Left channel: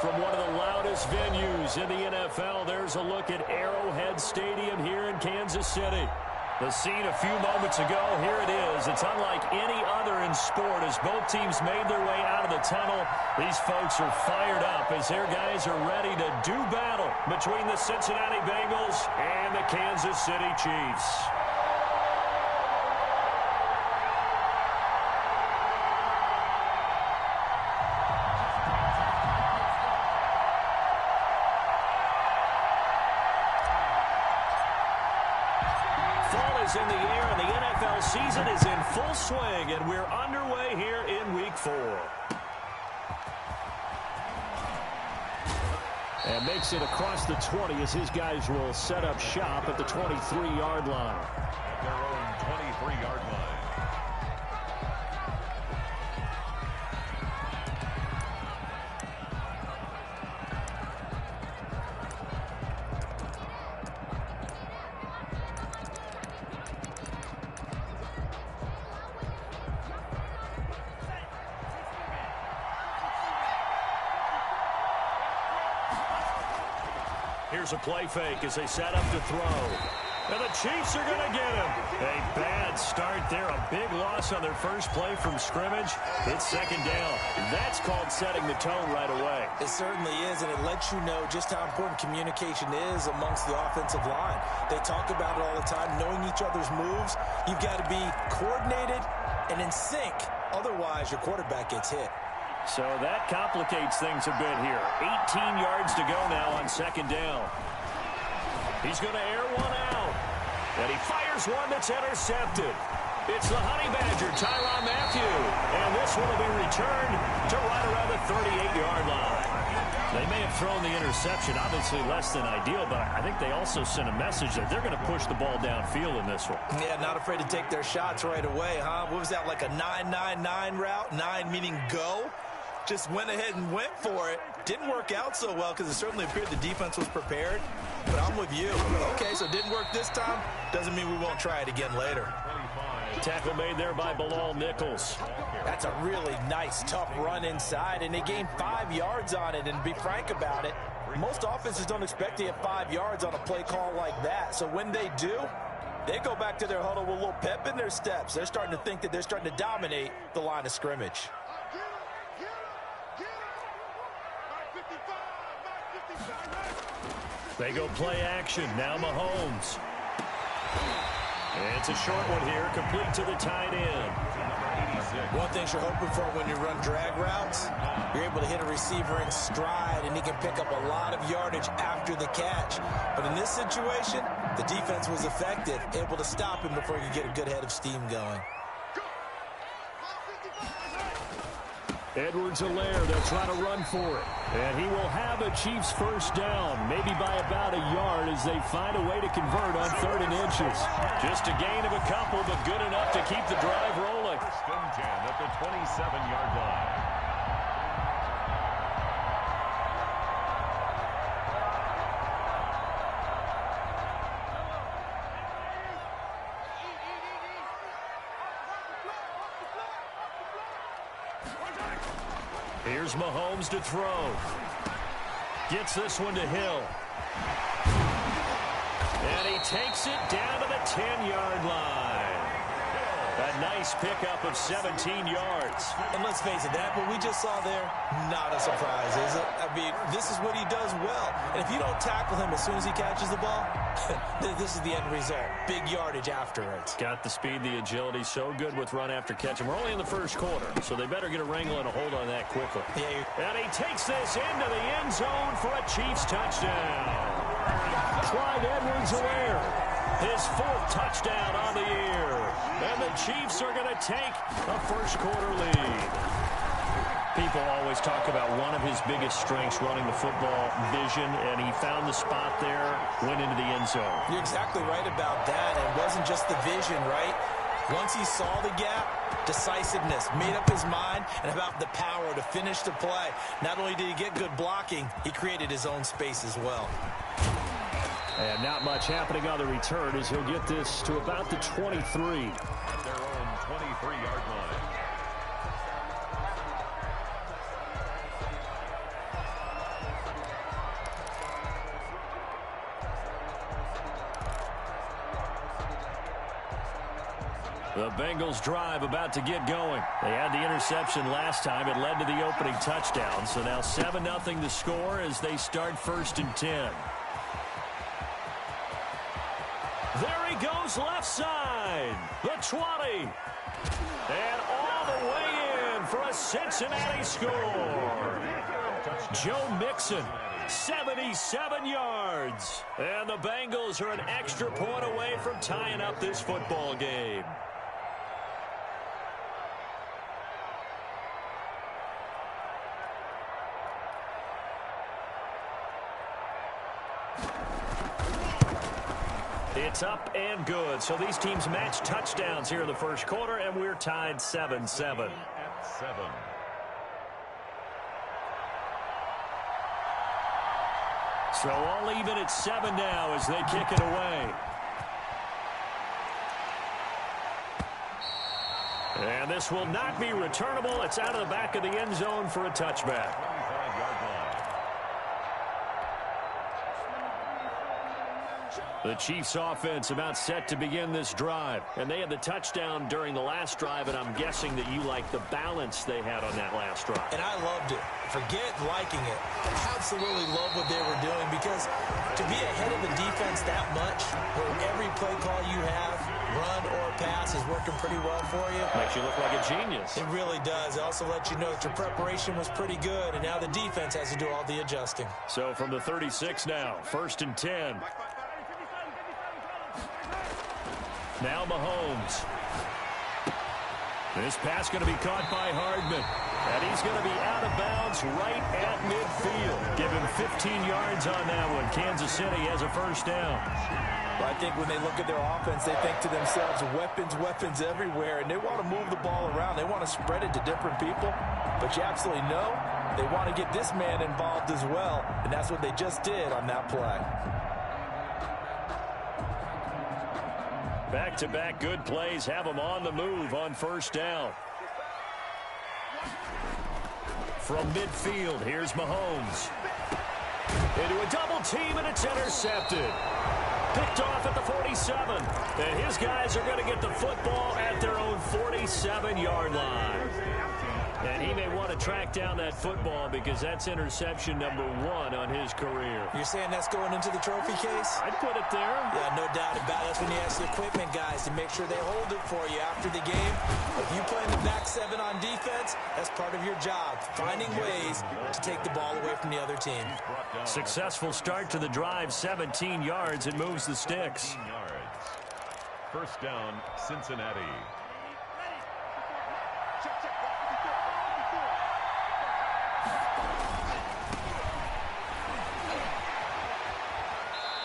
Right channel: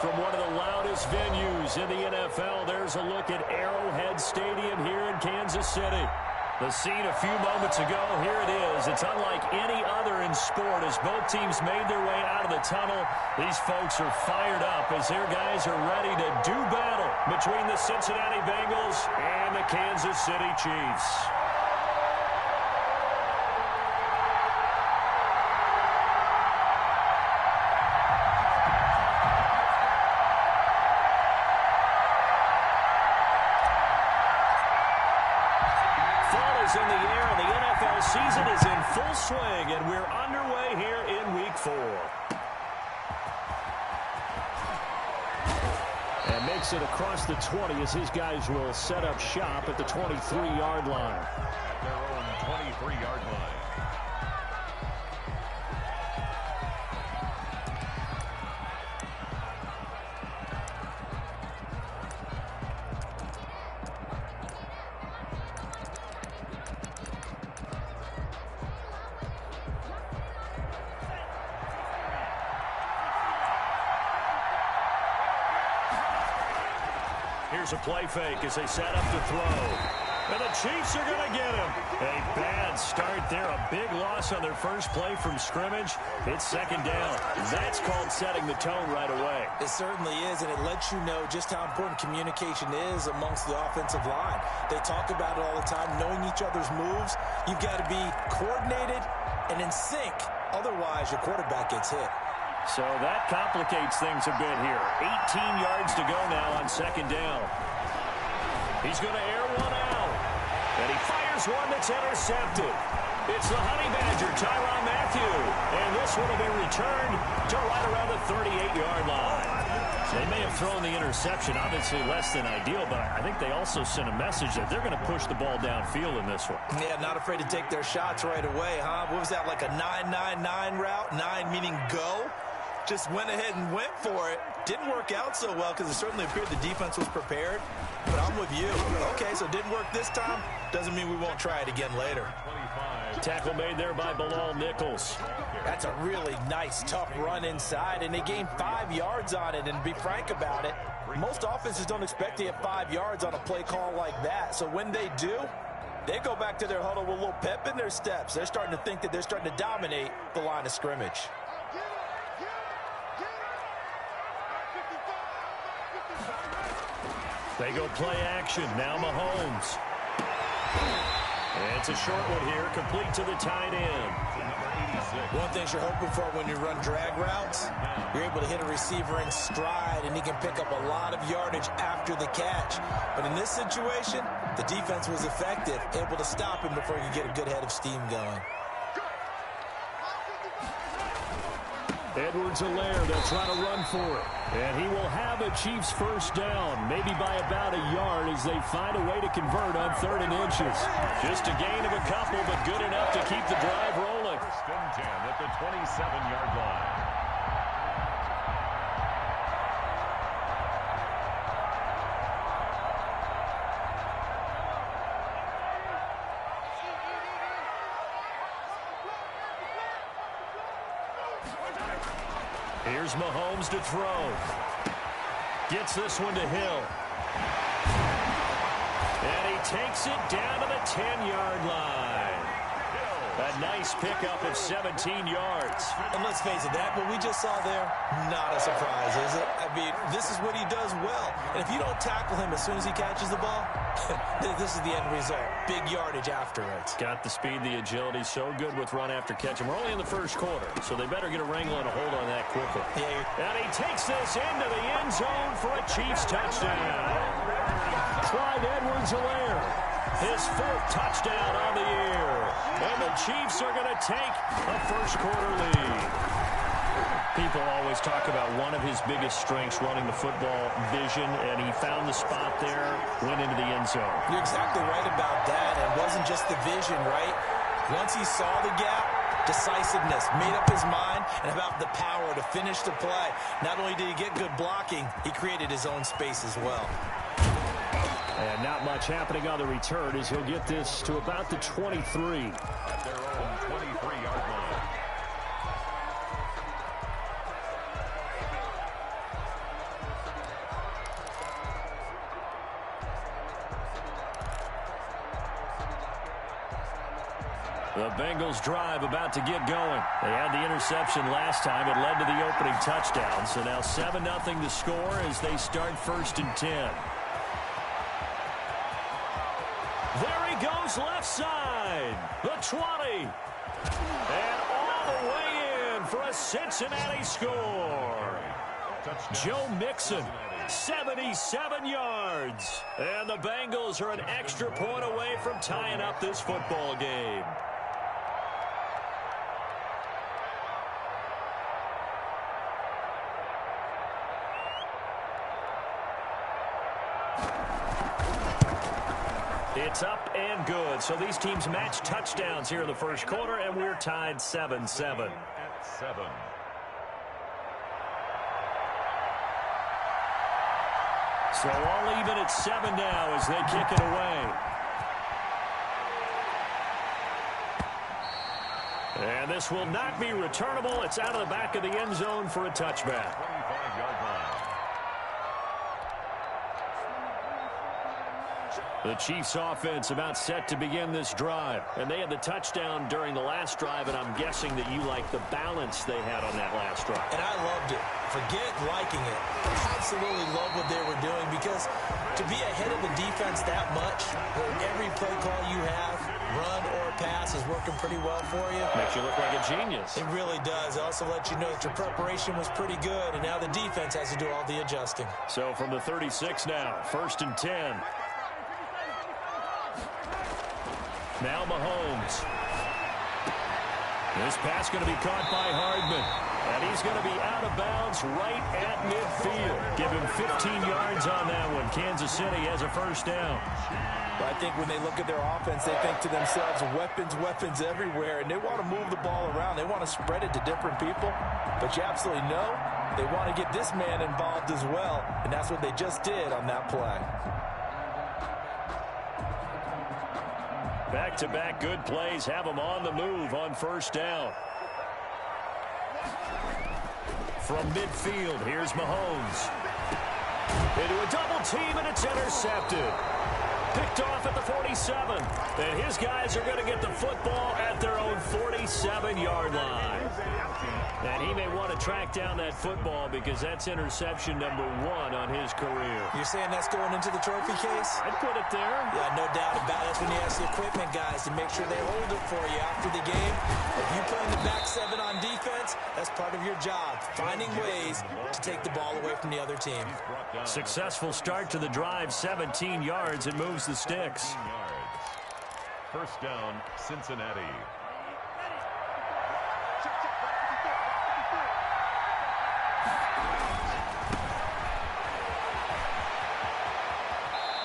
From one of the loudest venues in the NFL, there's a look at Arrowhead Stadium here in Kansas City. The scene a few moments ago, here it is. It's unlike any other in sport as both teams made their way out of the tunnel. These folks are fired up as their guys are ready to do battle between the Cincinnati Bengals and the Kansas City Chiefs. In the air, and the NFL season is in full swing, and we're underway here in Week 4. And makes it across the 20 as his guys will set up shop at the 23-yard line. At their own 23-yard line. Here's a play fake as they set up to throw. And the Chiefs are going to get him. A bad start there. A big loss on their first play from scrimmage. It's second down. That's called setting the tone right away. It certainly is, and it lets you know just how important communication is amongst the offensive line. They talk about it all the time, knowing each other's moves. You've got to be coordinated and in sync. Otherwise, your quarterback gets hit. So that complicates things a bit here. 18 yards to go now on second down. He's going to air one out. And he fires one that's intercepted. It's the Honey Badger, Tyrann Mathieu. And this one will be returned to right around the 38-yard line. They may have thrown the interception, obviously less than ideal, but I think they also sent a message that they're going to push the ball downfield in this one. Yeah, not afraid to take their shots right away, huh? What was that, like a 9-9-9 route? 9 meaning go? Just went ahead and went for it. Didn't work out so well because it certainly appeared the defense was prepared. But I'm with you. Okay, so it didn't work this time. Doesn't mean we won't try it again later. Tackle made there by Bilal Nichols. That's a really nice, tough run inside, and they gained 5 yards on it. And to be frank about it, most offenses don't expect to get 5 yards on a play call like that. So when they do, they go back to their huddle with a little pep in their steps. They're starting to think that they're starting to dominate the line of scrimmage. They go play action. Now Mahomes. It's a short one here, complete to the tight end. One thing you're hoping for when you run drag routes, you're able to hit a receiver in stride, and he can pick up a lot of yardage after the catch. But in this situation, the defense was effective, able to stop him before he could get a good head of steam going. Edwards-Helaire, they'll try to run for it. And he will have a Chiefs first down, maybe by about a yard as they find a way to convert on 3rd and inches. Just a gain of a couple, but good enough to keep the drive rolling. First and 10 at the 27-yard line. Here's Mahomes to throw. Gets this one to Hill. And he takes it down to the 10-yard line. A nice pickup of 17 yards. And let's face it, that what we just saw there, not a surprise, is it? I mean, this is what he does well. And if you don't tackle him as soon as he catches the ball, this is the end result. Big yardage after it. Got the speed, the agility, so good with run after catch. And we're only in the first quarter, so they better get a wrangle and a hold on that quickly. Yeah, and he takes this into the end zone for a Chiefs touchdown. Clyde Edwards-Helaire, his 4th touchdown on the year. And the Chiefs are going to take a first quarter lead. People always talk about one of his biggest strengths, running the football, vision, and he found the spot there, went into the end zone. You're exactly right about that. And it wasn't just the vision, right? Once he saw the gap, decisiveness, made up his mind, and about the power to finish the play. Not only did he get good blocking, he created his own space as well. And not much happening on the return as he'll get this to about the 23. At their own 23-yard line. The Bengals drive about to get going. They had the interception last time. It led to the opening touchdown. So now 7-0 the score as they start 1st and 10. There he goes left side. The 20. And all the way in for a Cincinnati score. Joe Mixon, 77 yards. And the Bengals are an extra point away from tying up this football game. It's up and good. So these teams match touchdowns here in the first quarter, and we're tied 7-7. At 7. So all even at 7 now as they kick it away. And this will not be returnable. It's out of the back of the end zone for a touchback. 25-yard line. The Chiefs offense about set to begin this drive. And they had the touchdown during the last drive, and I'm guessing that you like the balance they had on that last drive. And I loved it. Forget liking it. Absolutely love what they were doing, because to be ahead of the defense that much, where every play call you have, run or pass, is working pretty well for you. Makes you look like a genius. It really does. It also lets you know that your preparation was pretty good, and now the defense has to do all the adjusting. So from the 36 now, 1st and 10. Now Mahomes. This pass going to be caught by Hardman. And he's going to be out of bounds right at midfield. Give him 15 yards on that one. Kansas City has a first down. But I think when they look at their offense, they think to themselves, weapons, weapons everywhere. And they want to move the ball around. They want to spread it to different people. But you absolutely know they want to get this man involved as well. And that's what they just did on that play. Back-to-back good plays have them on the move on first down. From midfield, here's Mahomes. Into a double team, and it's intercepted. Picked off at the 47. And his guys are going to get the football at their own 47-yard line. And he may want to track down that football because that's interception number 1 on his career. You're saying that's going into the trophy case? I'd put it there. Yeah, no doubt about it. That's when you ask the equipment guys to make sure they hold it for you after the game. If you play in the back 7 on defense, that's part of your job, finding ways to take the ball away from the other team. Successful start to the drive, 17 yards. It moves the sticks. 17 yards. First down, Cincinnati.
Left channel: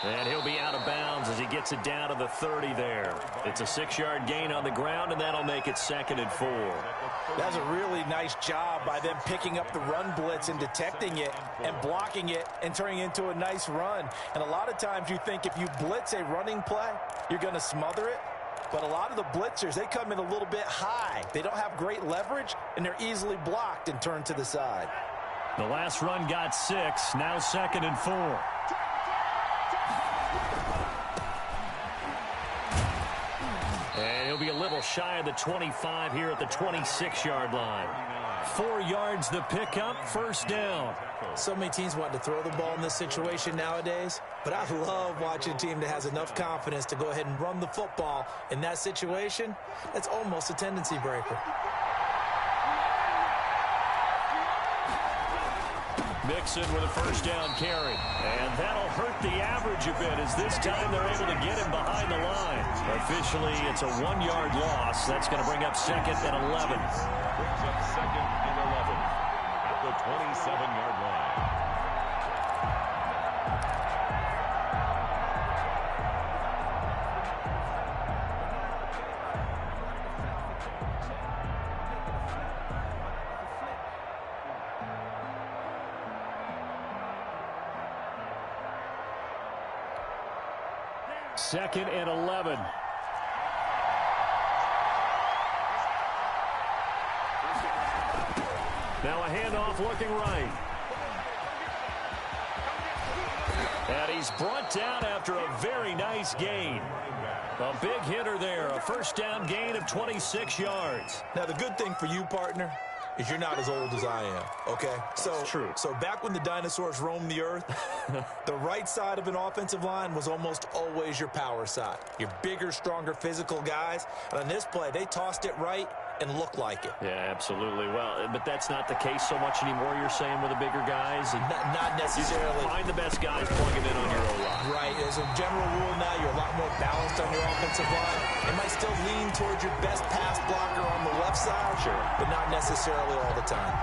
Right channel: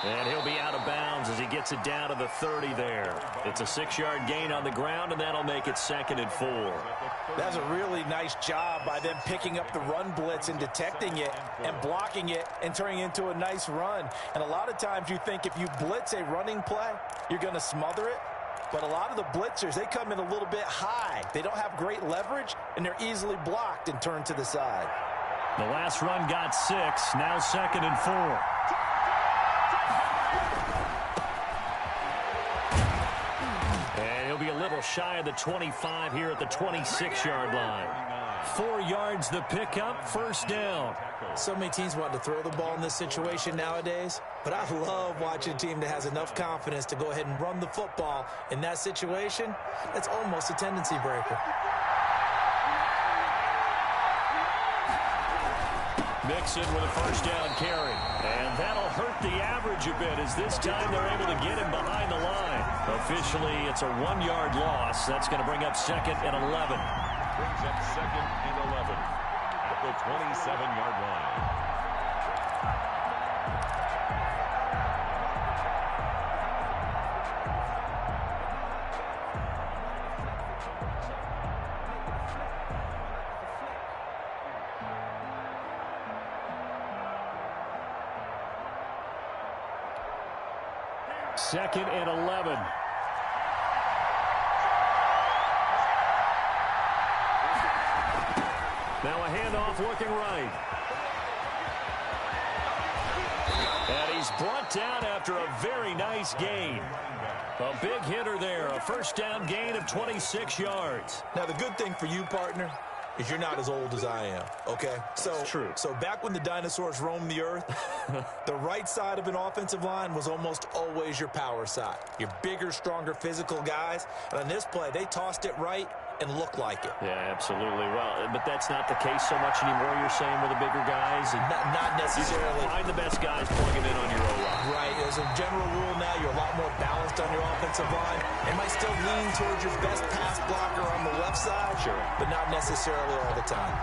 And he'll be out of bounds as he gets it down to the 30 there. It's a 6-yard gain on the ground, and that'll make it 2nd and 4. That's a really nice job by them picking up the run blitz and detecting it and blocking it and turning it into a nice run. And a lot of times you think if you blitz a running play, you're going to smother it. But a lot of the blitzers, they come in a little bit high. They don't have great leverage, and they're easily blocked and turned to the side. The last run got 6, now 2nd and 4. And he'll be a little shy of the 25 here at the 26-yard line. 4 yards the pickup, first down. So many teams want to throw the ball in this situation nowadays, but I love watching a team that has enough confidence to go ahead and run the football in that situation. That's almost a tendency breaker. Mixon with a first down carry. And that'll hurt the average a bit as this time they're able to get him behind the line. Officially, it's a 1-yard loss. That's going to bring up 2nd and 11. Brings up 2nd and 11 at the 27-yard line. Second and 11. Now a handoff looking right. And he's brought down after a very nice gain. A big hitter there, a first down gain of 26 yards. Now, the good thing for you, partner, is you're not as old as I am, okay? That's true. So back when the dinosaurs roamed the earth, the right side of an offensive line was almost always your power side. Your bigger, stronger, physical guys. And on this play, they tossed it right and looked like it. Yeah, absolutely. Well, but that's not the case so much anymore, you're saying, with the bigger guys? Not necessarily. You find the best guys, plug them in on your O-line. Right. As a general rule now, you're a lot more balanced on your offensive line. It might still lean towards your best pass blocker on the left side, sure, but not necessarily all the time.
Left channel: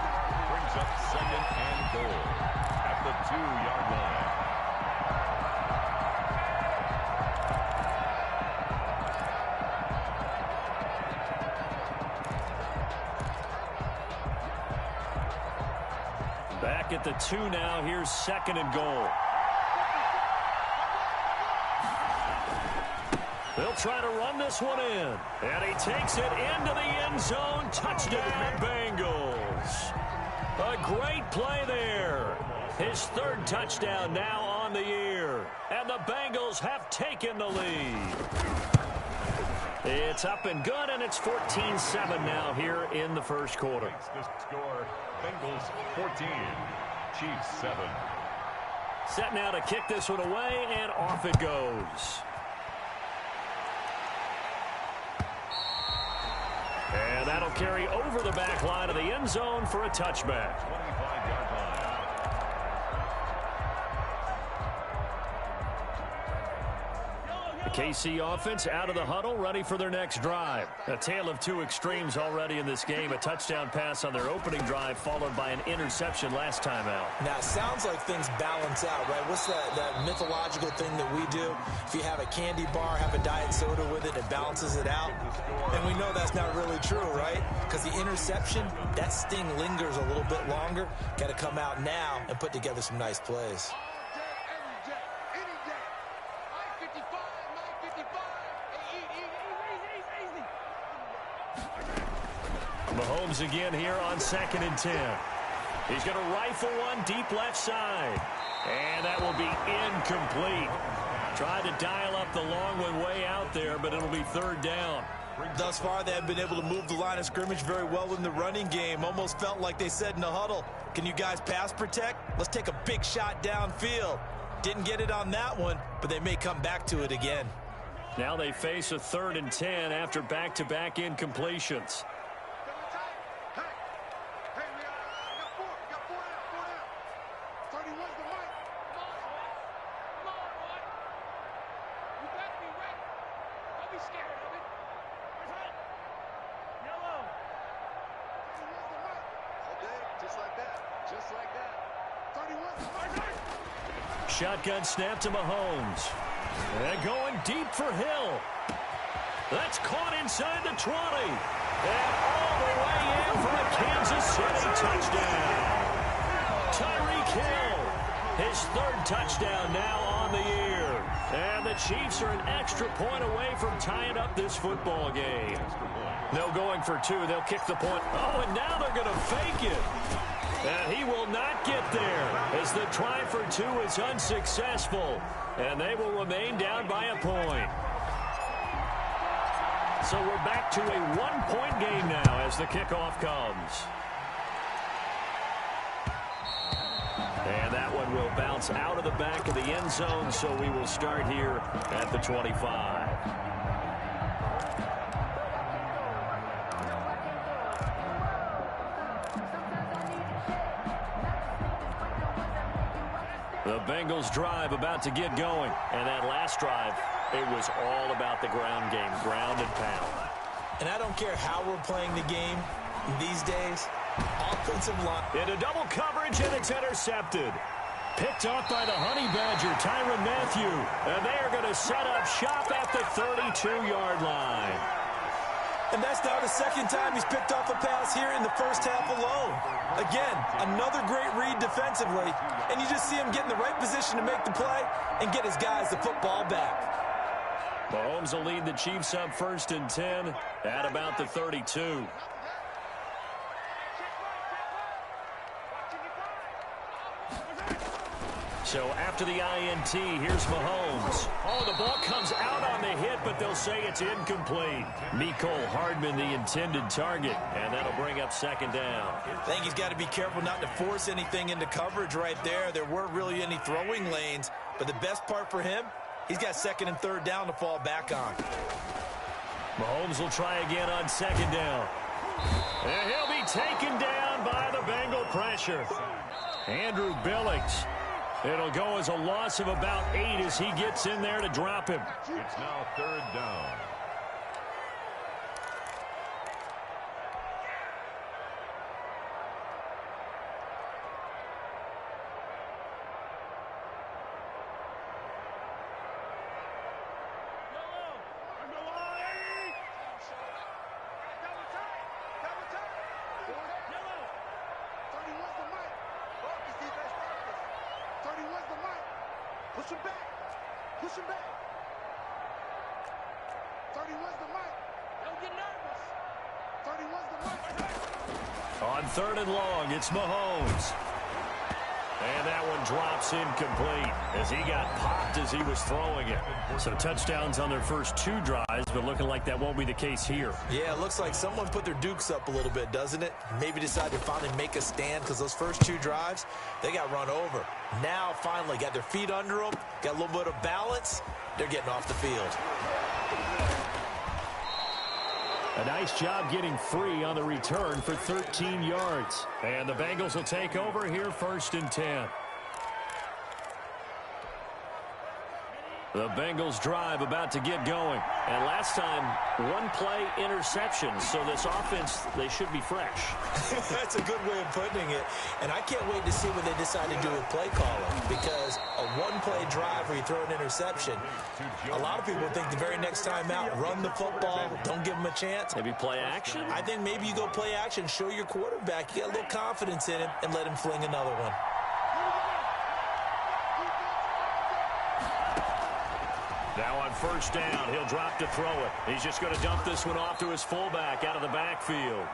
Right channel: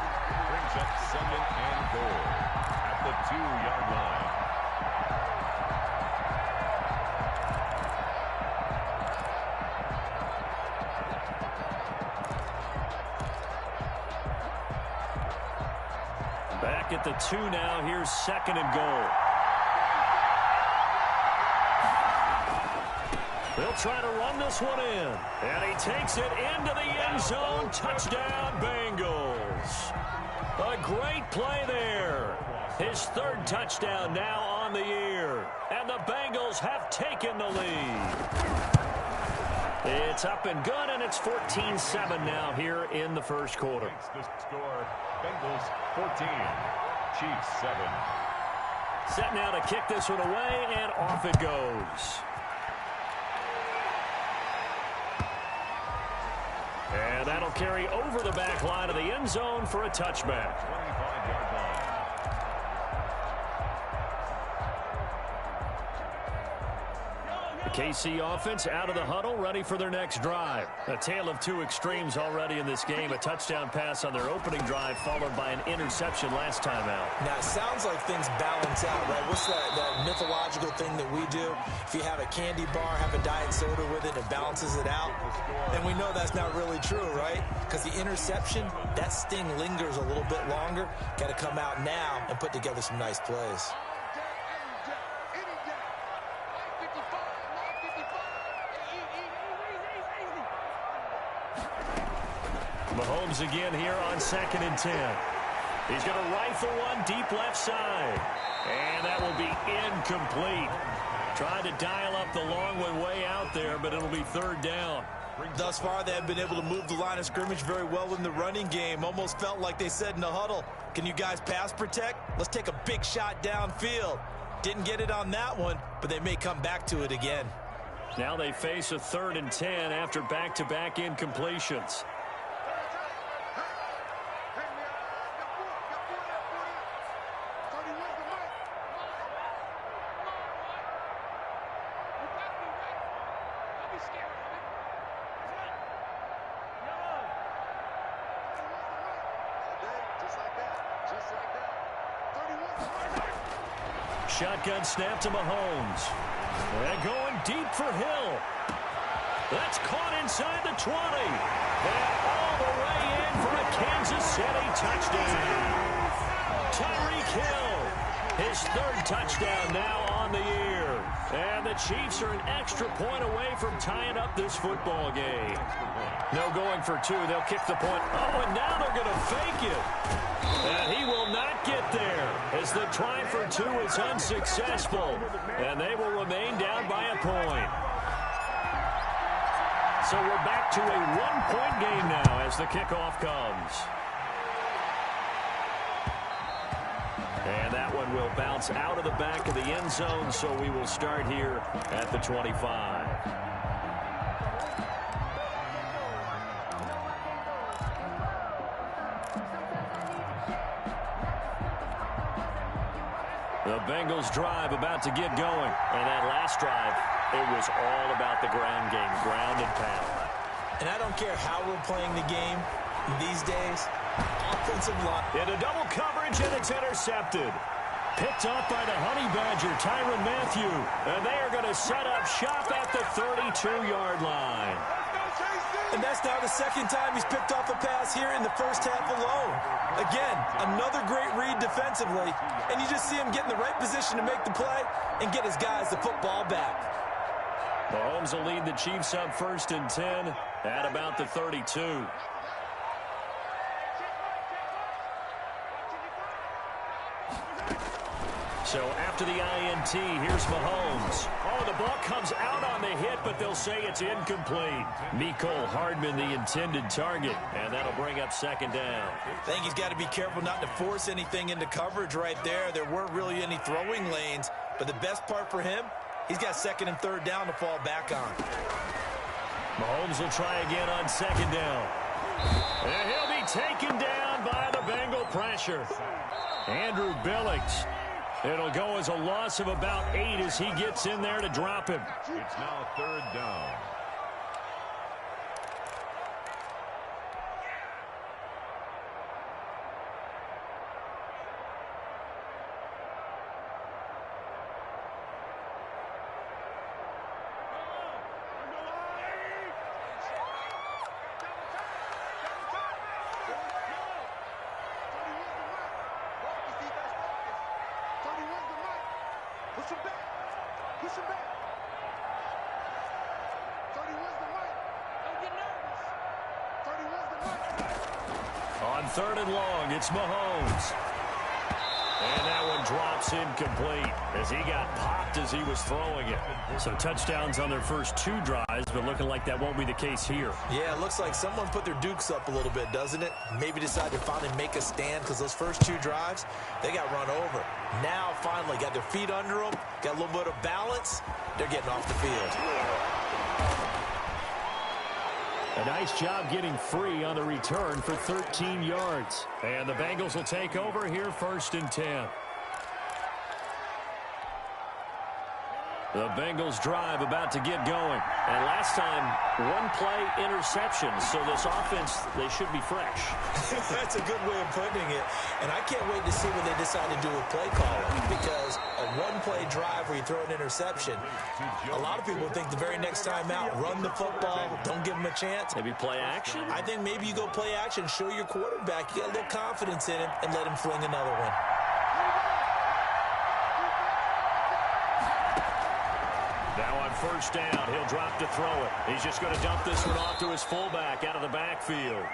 Brings up 2nd and goal at the 2-yard line. Back at the 2 now. Here's 2nd and goal. They'll try to run this one in. And he takes it into the end zone. Touchdown, Bengals. A great play there. His 3rd touchdown now on the year. And the Bengals have taken the lead. It's up and good, and it's 14-7 now here in the first quarter. The score, Bengals 14, Chiefs 7. Set now to kick this one away, and off it goes. And that'll carry over the back line of the end zone for a touchback. 25-yard line. The KC offense out of the huddle, ready for their next drive. A tale of two extremes already in this game. A touchdown pass on their opening drive, followed by an interception last time out. Now, it sounds like things balance out, right? What's that mythological thing that we do? If you have a candy bar, have a diet soda with it, it balances it out. And we know that's not really true, right? Because the interception, that sting lingers a little bit longer. Got to come out now and put together some nice plays. Mahomes again here on 2nd and 10. He's going to rifle one deep left side. And that will be incomplete. Tried to dial up the long one way out there, but it'll be 3rd down. Thus far, they have been able to move the line of scrimmage very well in the running game. Almost felt like they said in the huddle, can you guys pass protect? Let's take a big shot downfield. Didn't get it on that one, but they may come back to it again. Now they face a 3rd and 10 after back-to-back incompletions. Shotgun snap to Mahomes. And going deep for Hill. That's caught inside the 20. And all the way in for a Kansas City touchdown. Tyreek Hill, his 3rd touchdown now on the year. And the Chiefs are an extra point away from tying up this football game. No going for 2. They'll kick the point. Oh, and now they're going to fake it. And he will not get there as the try for 2 is unsuccessful. And they will remain down by a point. So we're back to a 1-point game now as the kickoff comes. And that one will bounce out of the back of the end zone, so we will start here at the 25. The Bengals drive about to get going. And that last drive, it was all about the ground game, ground and pound. And I don't care how we're playing the game these days. Offensive line. Into double coverage, and it's intercepted. Picked off by the Honey Badger, Tyrann Mathieu. And they are going to set up shop at the 32-yard line. And that's now the 2nd time he's picked off a pass here in the first half alone. Again, another great read defensively. And you just see him get in the right position to make the play and get his guys the football back. Mahomes will lead the Chiefs up 1st and 10 at about the 32. So after the INT, here's Mahomes. Oh, the ball comes out on the hit, but they'll say it's incomplete. Mecole Hardman, the intended target, and that'll bring up second down. I think he's got to be careful not to force anything into coverage right there. There weren't really any throwing lanes, but the best part for him, he's got second and third down to fall back on. Mahomes will try again on second down. And he'll be taken down by the Bengal pressure. Andrew BLiTZ. It'll go as a loss of about 8 as he gets in there to drop him. It's now third down. Push him back. Push him back. 31's the mic. Don't get nervous. 31's the mic. On third and long, it's Mahomes. And that one drops incomplete as he got popped as he was throwing it. So touchdowns on their first 2 drives, but looking like that won't be the case here. Yeah, it looks like someone put their dukes up a little bit, doesn't it? Maybe decided to finally make a stand because those first 2 drives, they got run over. Now, finally, got their feet under them, got a little bit of balance. They're getting off the field. A nice job getting free on the return for 13 yards. And the Bengals will take over here first and 10. The Bengals drive about to get going. And last time, 1 play interception. So this offense, they should be fresh. That's a good way of putting it. And I can't wait to see what they decide to do with play calling. Because a 1-play drive where you throw an interception, a lot of people think the very next time out, run the football, don't give them a chance. Maybe play action? I think maybe you go play action, show your quarterback, you got a little confidence in him, and let him fling another one. Now on first down, he'll drop to throw it. He's just going to dump this one off to his fullback out of the backfield.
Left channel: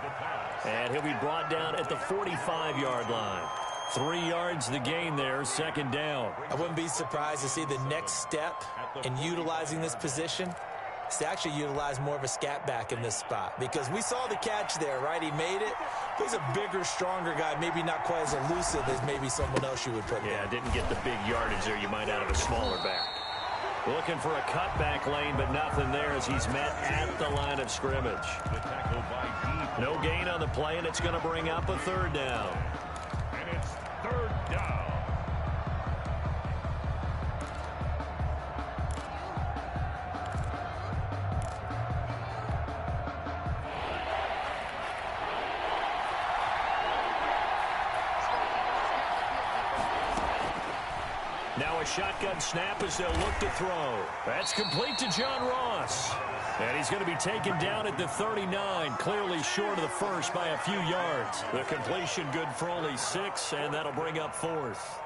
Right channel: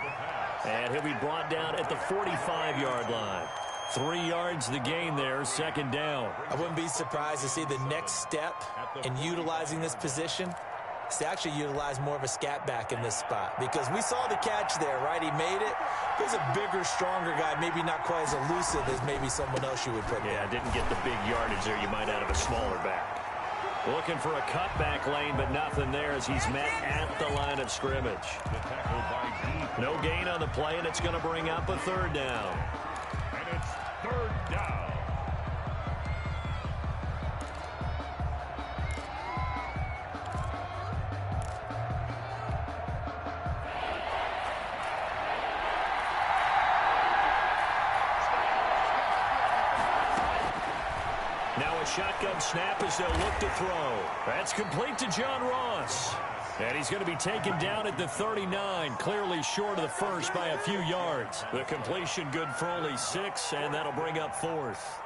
And he'll be brought down at the 45-yard line. 3 yards the gain there, second down. I wouldn't be surprised to see the next step in utilizing this position is to actually utilize more of a scat back in this spot. Because we saw the catch there, right? He made it. But he's a bigger, stronger guy, maybe not quite as elusive as maybe someone else you would put Yeah, there. didn't get the big yardage there you might out of a smaller back. Looking for a cutback lane, but nothing there as he's met at the line of scrimmage. No gain on the play, and it's going to bring up a third down. And it's third down. Now a shotgun snap as they'll look to throw. That's complete to John Ross. And he's going to be taken down at the 39, clearly short of the first by a few yards. The completion good for only 6, and that'll bring up fourth.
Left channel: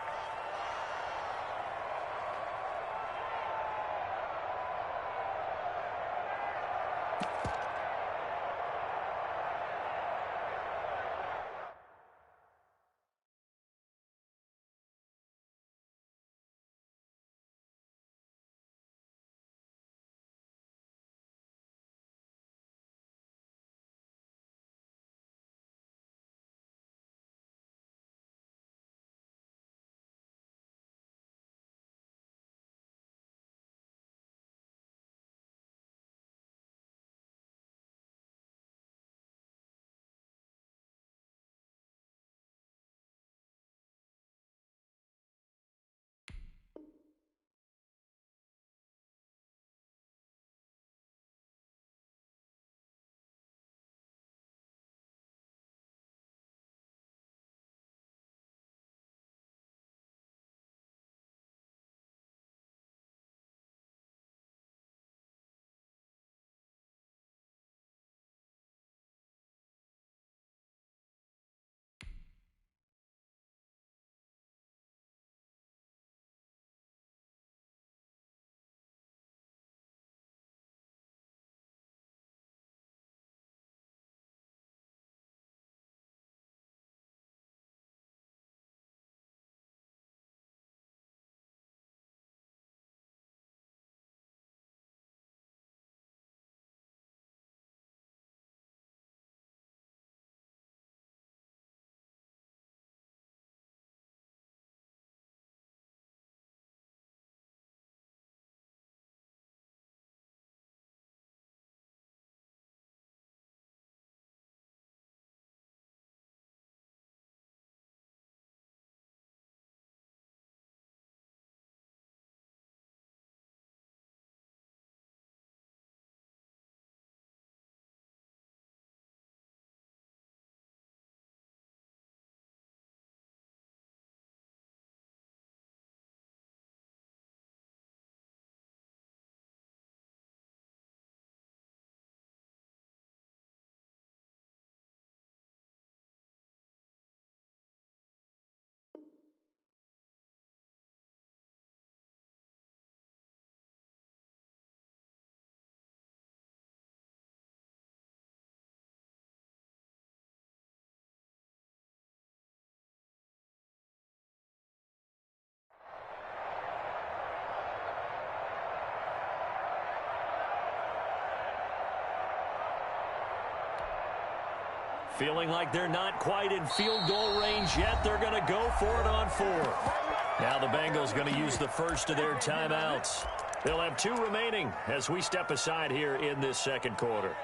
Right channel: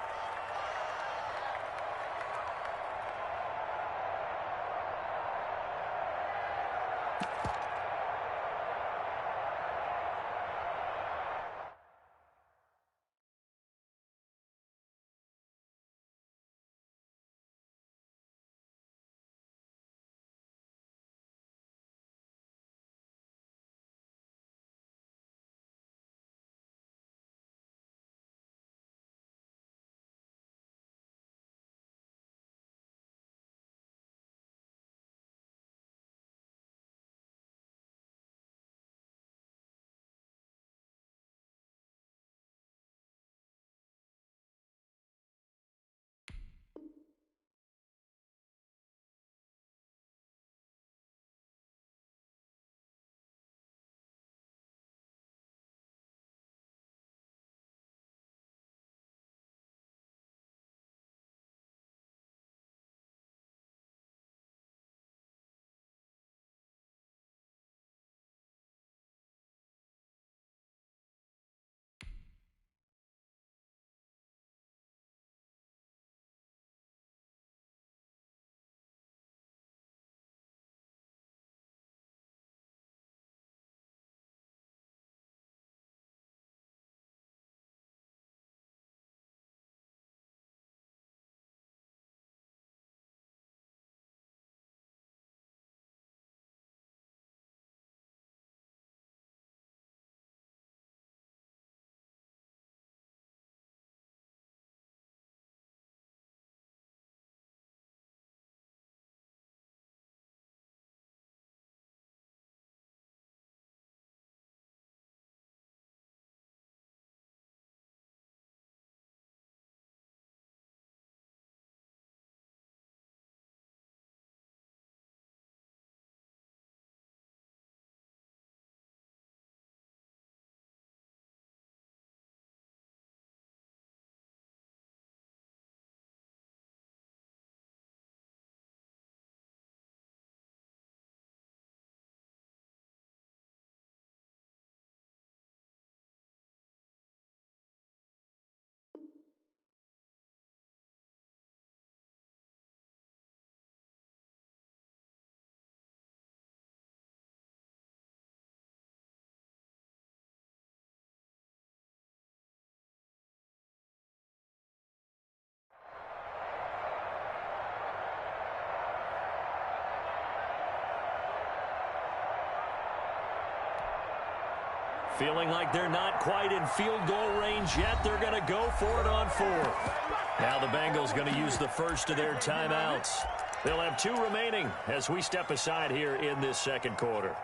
Feeling like they're not quite in field goal range yet. They're going to go for it on fourth. Now the Bengals going to use the first of their timeouts. They'll have 2 remaining as we step aside here in this second quarter.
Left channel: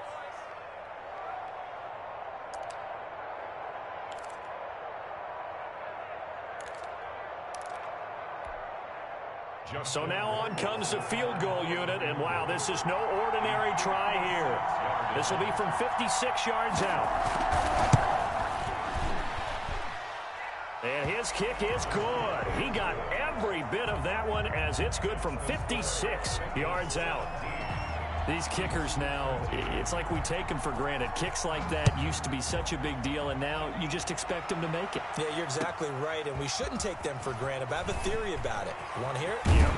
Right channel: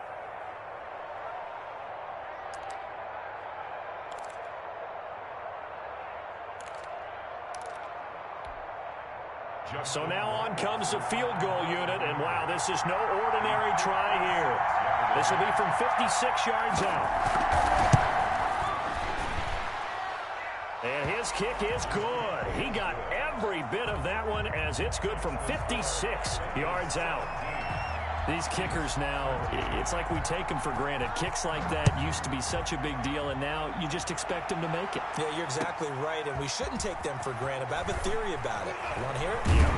So now on comes the field goal unit, and wow, this is no ordinary try here. This will be from 56 yards out. And his kick is good. He got every bit of that one as it's good from 56 yards out. These kickers now, it's like we take them for granted. Kicks like that used to be such a big deal, and now you just expect them to make it. Yeah, you're exactly right, and we shouldn't take them for granted, but I have a theory about it. You want to hear it? Yeah.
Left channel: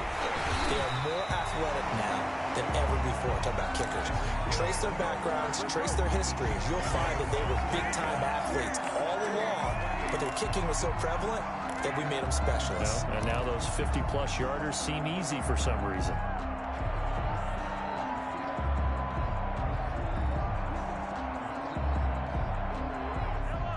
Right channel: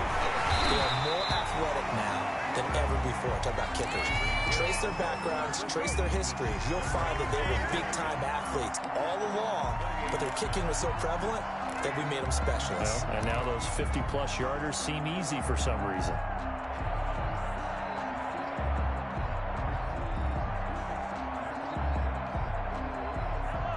They are more athletic now than ever before. Talk about kickers. Trace their backgrounds, trace their histories. You'll find that they were big-time athletes all along, but their kicking was so prevalent that we made them specialists. Well, and now those 50-plus yarders seem easy for some reason.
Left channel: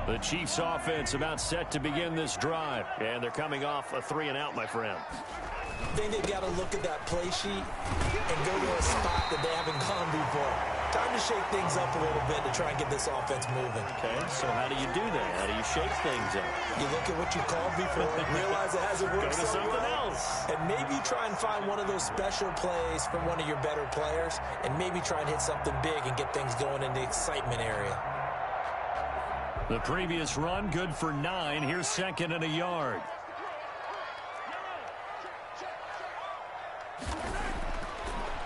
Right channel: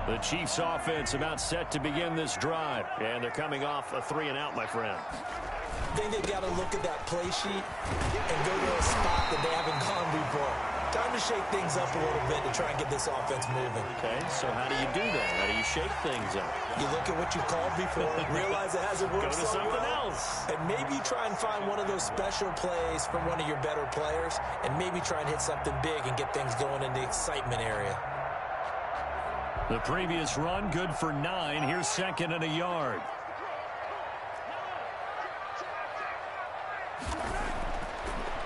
The Chiefs offense about set to begin this drive, and they're coming off a 3-and-out, my friend. I think they've got to look at that play sheet and go to a spot that they haven't gone before. Time to shake things up a little bit to try and get this offense moving. Okay, so how do you do that? How do you shake things up? You look at what you called before, realize it hasn't worked Go to so something well, else. and maybe try and find one of those special plays from one of your better players, and maybe try and hit something big and get things going in the excitement area. The previous run, good for 9. Here's 2nd and a yard.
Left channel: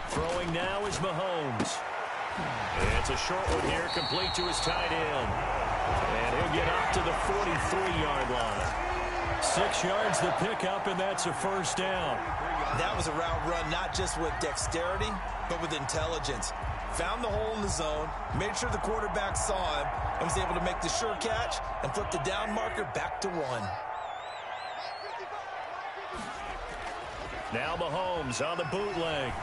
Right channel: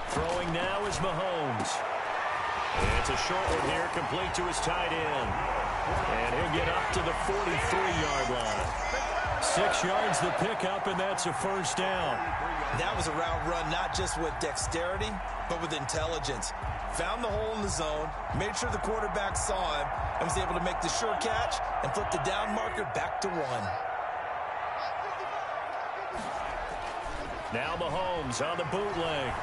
Throwing now is Mahomes. It's a short one here, complete to his tight end. And he'll get up to the 43-yard line. 6 yards the pickup, and that's a first down. That was a route run not just with dexterity, but with intelligence. Found the hole in the zone, made sure the quarterback saw him, and was able to make the sure catch and flip the down marker back to 1. Now Mahomes on the bootleg.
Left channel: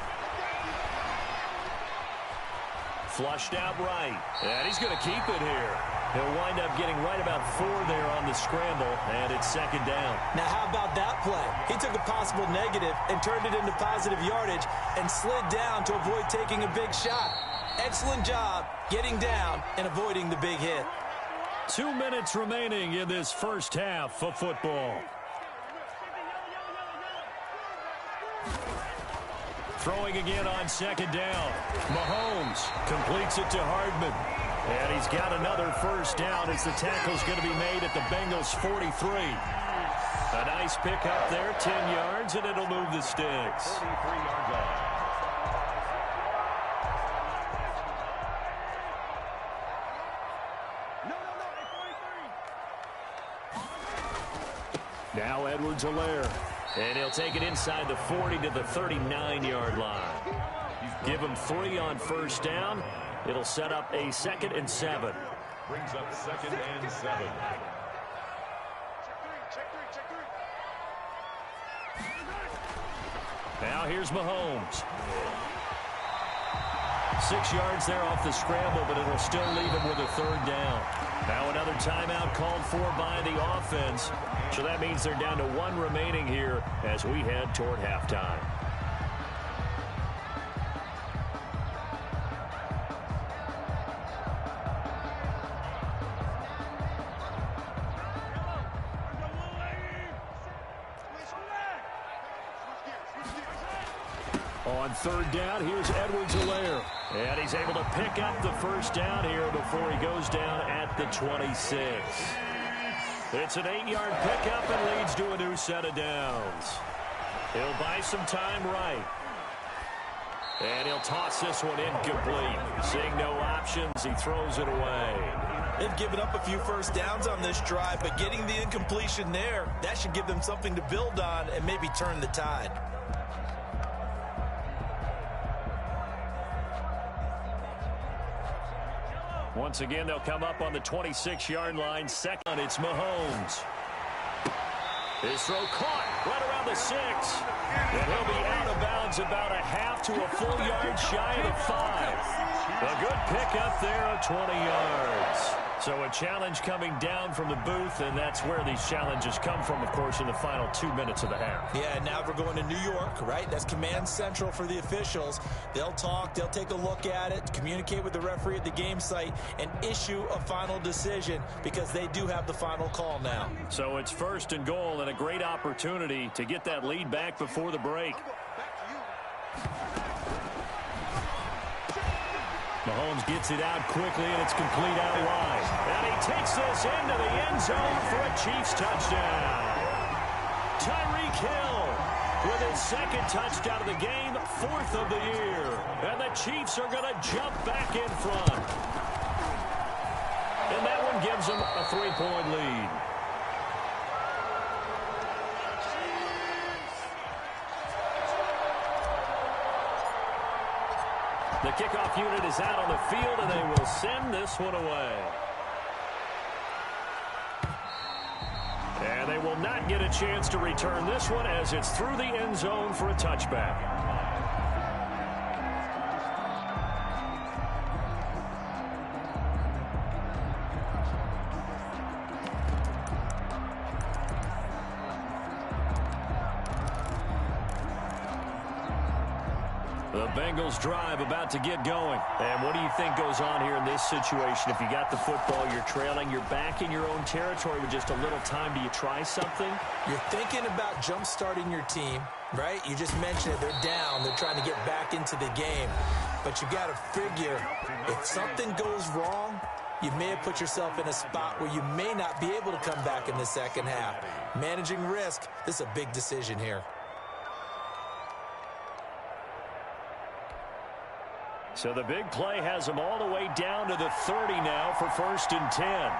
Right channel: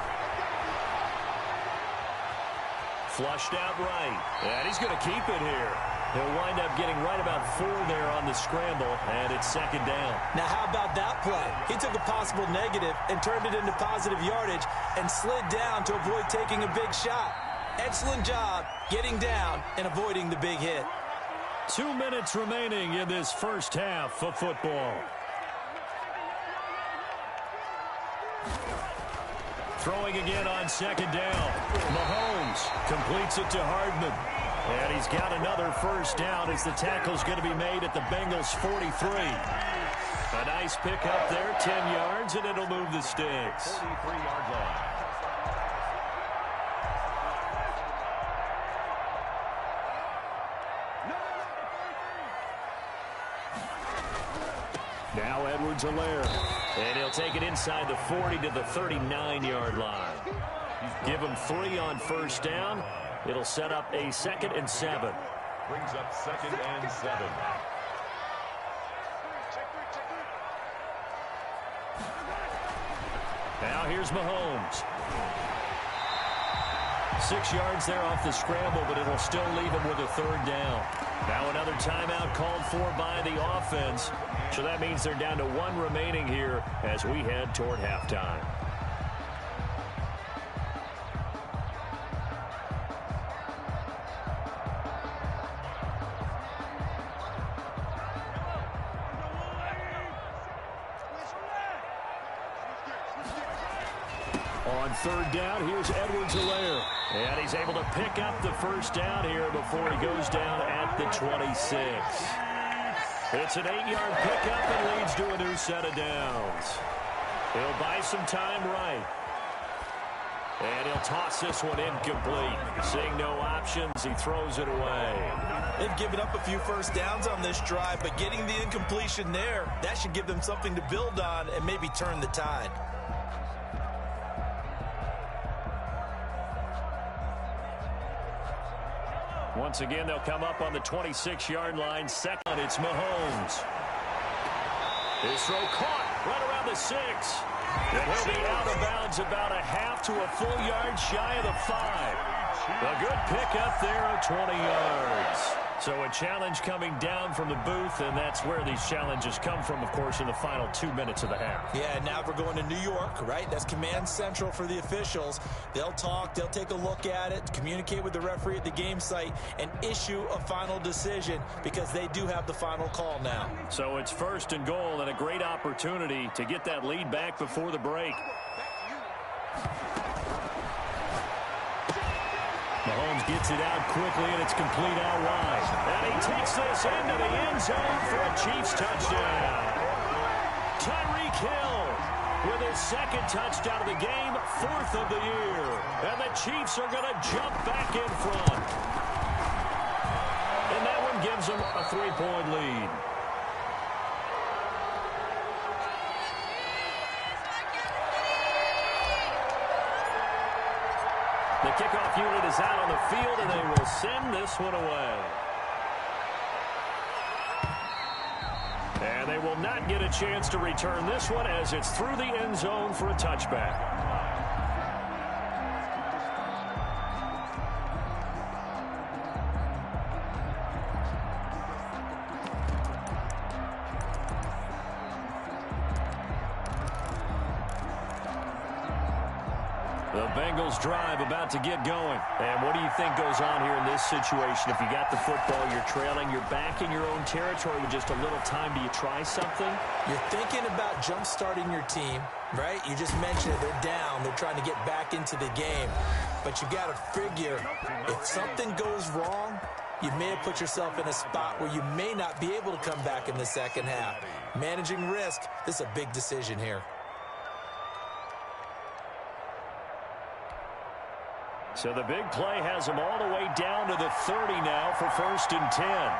Flushed out right, and he's going to keep it here. He'll wind up getting right about 4 there on the scramble, and it's 2nd down. Now, how about that play? He took a possible negative and turned it into positive yardage and slid down to avoid taking a big shot. Excellent job getting down and avoiding the big hit. 2 minutes remaining in this first half of football. Throwing again on 2nd down. Mahomes completes it to Hardman. And he's got another first down as the tackle's going to be made at the Bengals 43. A nice pick up there, 10 yards, and it'll move the sticks. 43-yard line. Now Edwards-Helaire. And he'll take it inside the 40 to the 39-yard line. Give him 3 on first down. It'll set up a 2nd and 7. Brings up 2nd and 7. Now here's Mahomes. 6 yards there off the scramble, but it'll still leave him with a 3rd down. Now another timeout called for by the offense. So that means they're down to 1 remaining here as we head toward halftime. On 3rd down, here's Edwards-Helaire. And he's able to pick up the first down here before he goes down at the 26. It's an 8-yard pickup and leads to a new set of downs. He'll buy some time right. And he'll toss this one incomplete. Seeing no options, he throws it away. They've given up a few first downs on this drive, but getting the incompletion there, that should give them something to build on and maybe turn the tide. Once again, they'll come up on the 26-yard line. 2nd, it's Mahomes. His throw caught right around the 6. And he'll be out of bounds about a half to a full yard shy of the 5. A good pickup there of 20 yards. So a challenge coming down from the booth, and that's where these challenges come from, of course, in the final 2 minutes of the half. Yeah, now we're going to New York, right? That's command central for the officials. They'll talk, they'll take a look at it, communicate with the referee at the game site, and issue a final decision because they do have the final call now. So it's 1st and goal and a great opportunity to get that lead back before the break. Mahomes gets it out quickly, and it's complete out wide. And he takes this into the end zone for a Chiefs touchdown. Tyreek Hill with his 2nd touchdown of the game, 4th of the year. And the Chiefs are going to jump back in front. And that one gives them a 3-point lead. The kickoff unit is out on the field, and they will send this one away. And they will not get a chance to return this one as it's through the end zone for a touchback. The Bengals drive about to get going. And what do you think goes on here in this situation? If you got the football, you're trailing, you're back in your own territory with just a little time. Do you try something? You're thinking about jump-starting your team, right? You just mentioned it. They're down. They're trying to get back into the game. But you got to figure, if something goes wrong, you may have put yourself in a spot where you may not be able to come back in the second half. Managing risk, this is a big decision here. So the big play has them all the way down to the 30 now for 1st and 10.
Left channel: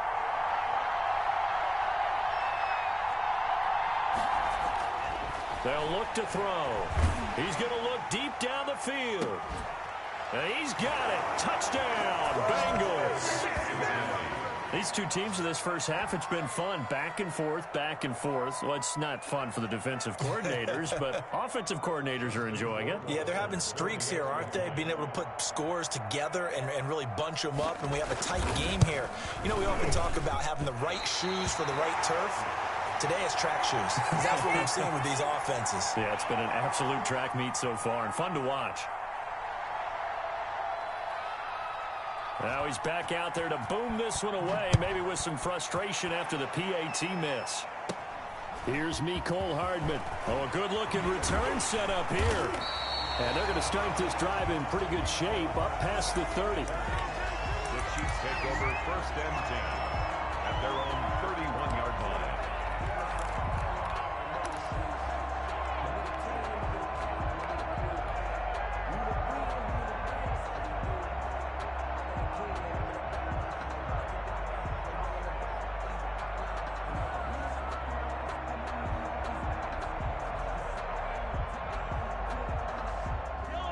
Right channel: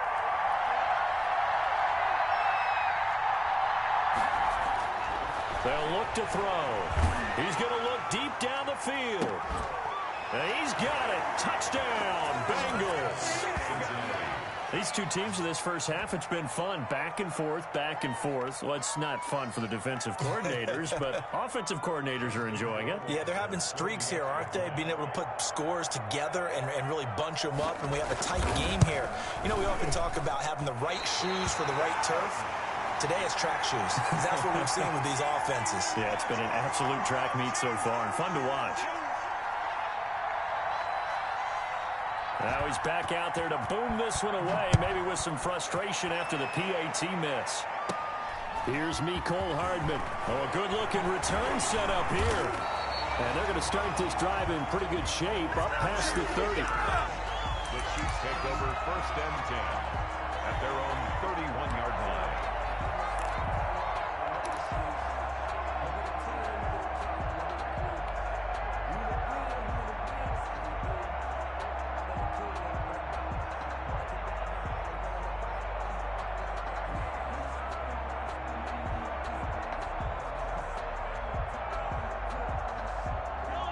They'll look to throw. He's going to look deep down the field. And he's got it. Touchdown, Bengals. These two teams in this first half, it's been fun. Back and forth, back and forth. Well, it's not fun for the defensive coordinators, but offensive coordinators are enjoying it. Yeah, they're having streaks here, aren't they? Being able to put scores together and really bunch them up, and we have a tight game here. You know, we often talk about having the right shoes for the right turf. Today it's track shoes. That's what we've seen with these offenses. Yeah, it's been an absolute track meet so far and fun to watch. Now he's back out there to boom this one away, maybe with some frustration after the PAT miss. Here's Mecole Hardman. Oh, a good-looking return set up here. And they're going to start this drive in pretty good shape, up past the 30. The Chiefs take over 1st and 10 at their own 31-yard line.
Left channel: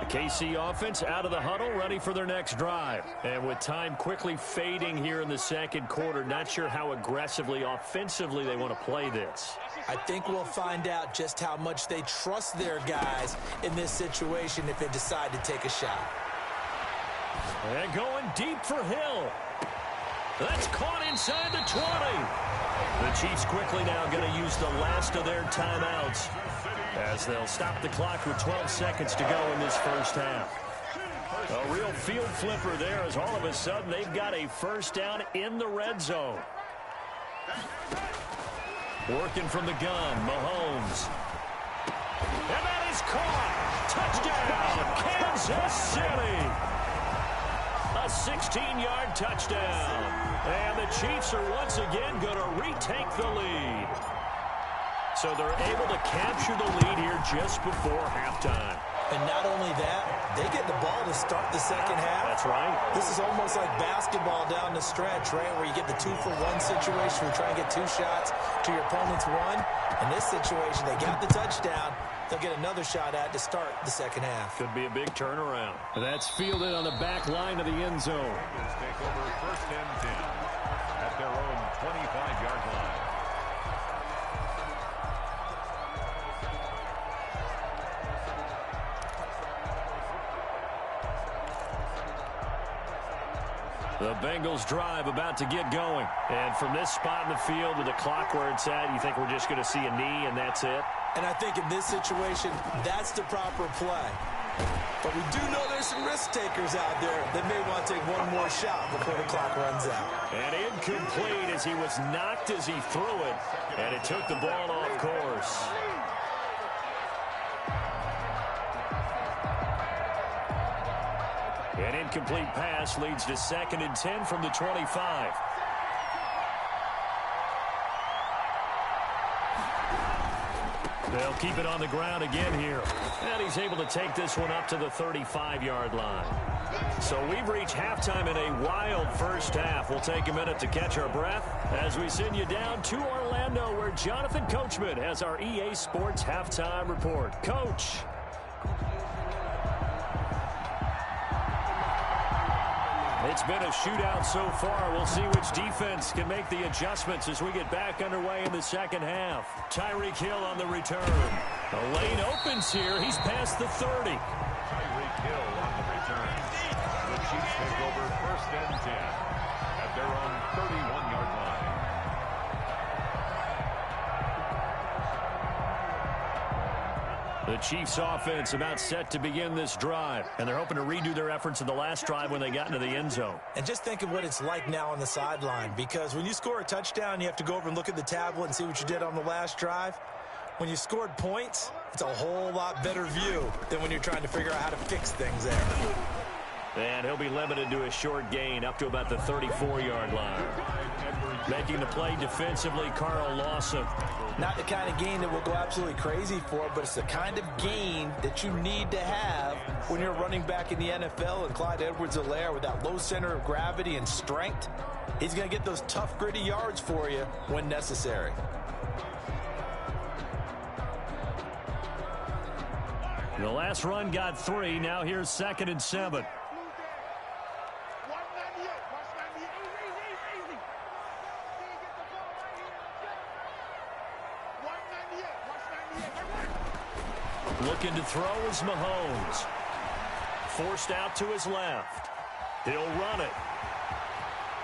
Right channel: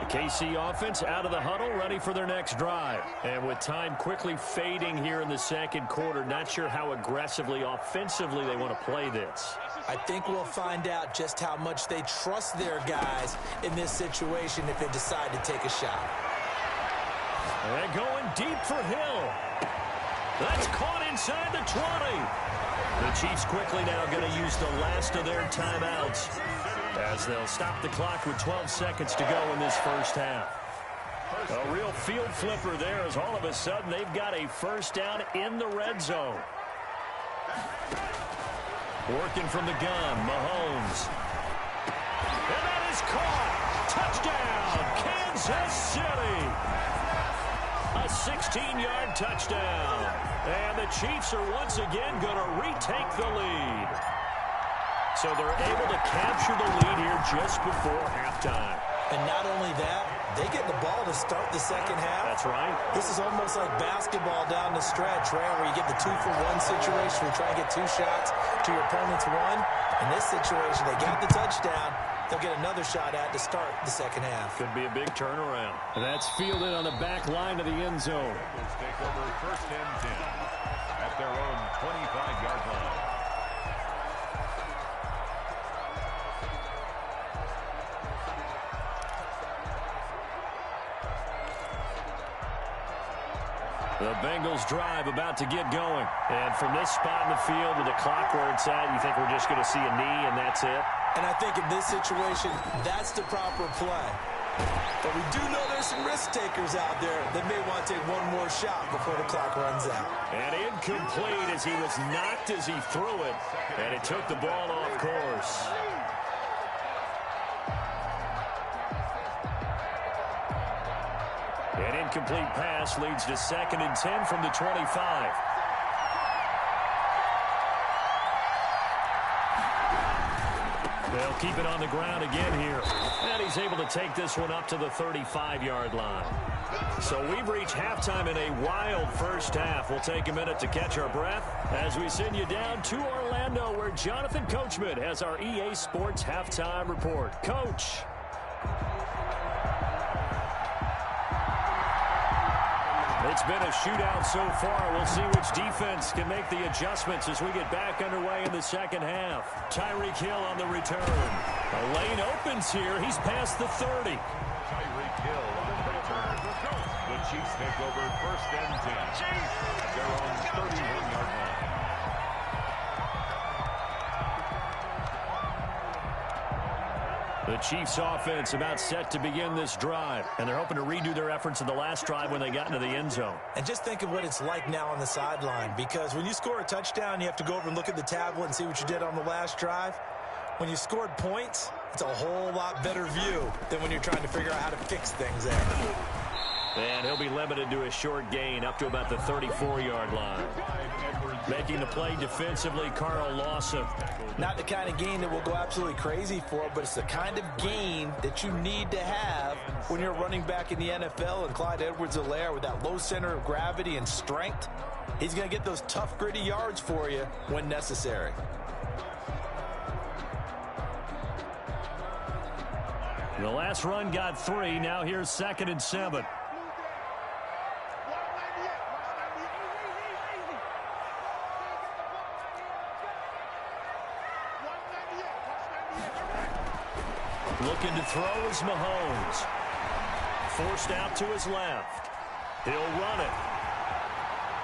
KC offense out of the huddle, ready for their next drive. And with time quickly fading here in the second quarter, not sure how aggressively, offensively they want to play this. I think we'll find out just how much they trust their guys in this situation if they decide to take a shot. And going deep for Hill. That's caught inside the 20. The Chiefs quickly now going to use the last of their timeouts as they'll stop the clock with 12 seconds to go in this first half. A real field flipper there as all of a sudden they've got a first down in the red zone. Working from the gun, Mahomes. And that is caught. Touchdown, Kansas City. A 16-yard touchdown. And the Chiefs are once again going to retake the lead. So they're able to capture the lead here just before halftime. And not only that, they get the ball to start the second half. That's right. This is almost like basketball down the stretch, right, where you get the 2-for-1 situation. You try and get 2 shots to your opponent's 1. In this situation, they got the touchdown. They'll get another shot at to start the second half. Could be a big turnaround. That's fielded on the back line of the end zone. Bengals take over 1st and 10 at their own 25-yard line. The Bengals drive about to get going. And from this spot in the field with the clock where it's at, you think we're just going to see a knee and that's it? And I think in this situation, that's the proper play. But we do know there's some risk takers out there that may want to take one more shot before the clock runs out. And incomplete as he was knocked as he threw it. And it took the ball off course. An incomplete pass leads to 2nd and 10 from the 25. They'll keep it on the ground again here. And he's able to take this one up to the 35-yard line. So we've reached halftime in a wild first half. We'll take a minute to catch our breath as we send you down to Orlando, where Jonathan Coachman has our EA Sports Halftime Report. Coach. It's been a shootout so far. We'll see which defense can make the adjustments as we get back underway in the second half. Tyreek Hill on the return. The lane opens here. He's past the 30. Tyreek Hill on the return. The Chiefs take over 1st and 10 at their own 31-yard line. The Chiefs offense about set to begin this drive, and they're hoping to redo their efforts in the last drive when they got into the end zone. And just think of what it's like now on the sideline, because when you score a touchdown, you have to go over and look at the tablet and see what you did on the last drive. When you scored points, it's a whole lot better view than when you're trying to figure out how to fix things there. And he'll be limited to a short gain up to about the 34-yard line. Making the play defensively, Carl Lawson. Not the kind of gain that we'll go absolutely crazy for, but it's the kind of gain that you need to have when you're running back in the NFL. And Clyde Edwards-Helaire, with that low center of gravity and strength, he's going to get those tough, gritty yards for you when necessary. The last run got 3. Now here's 2nd and 7. Looking to throw is Mahomes. Forced out to his left. He'll run it.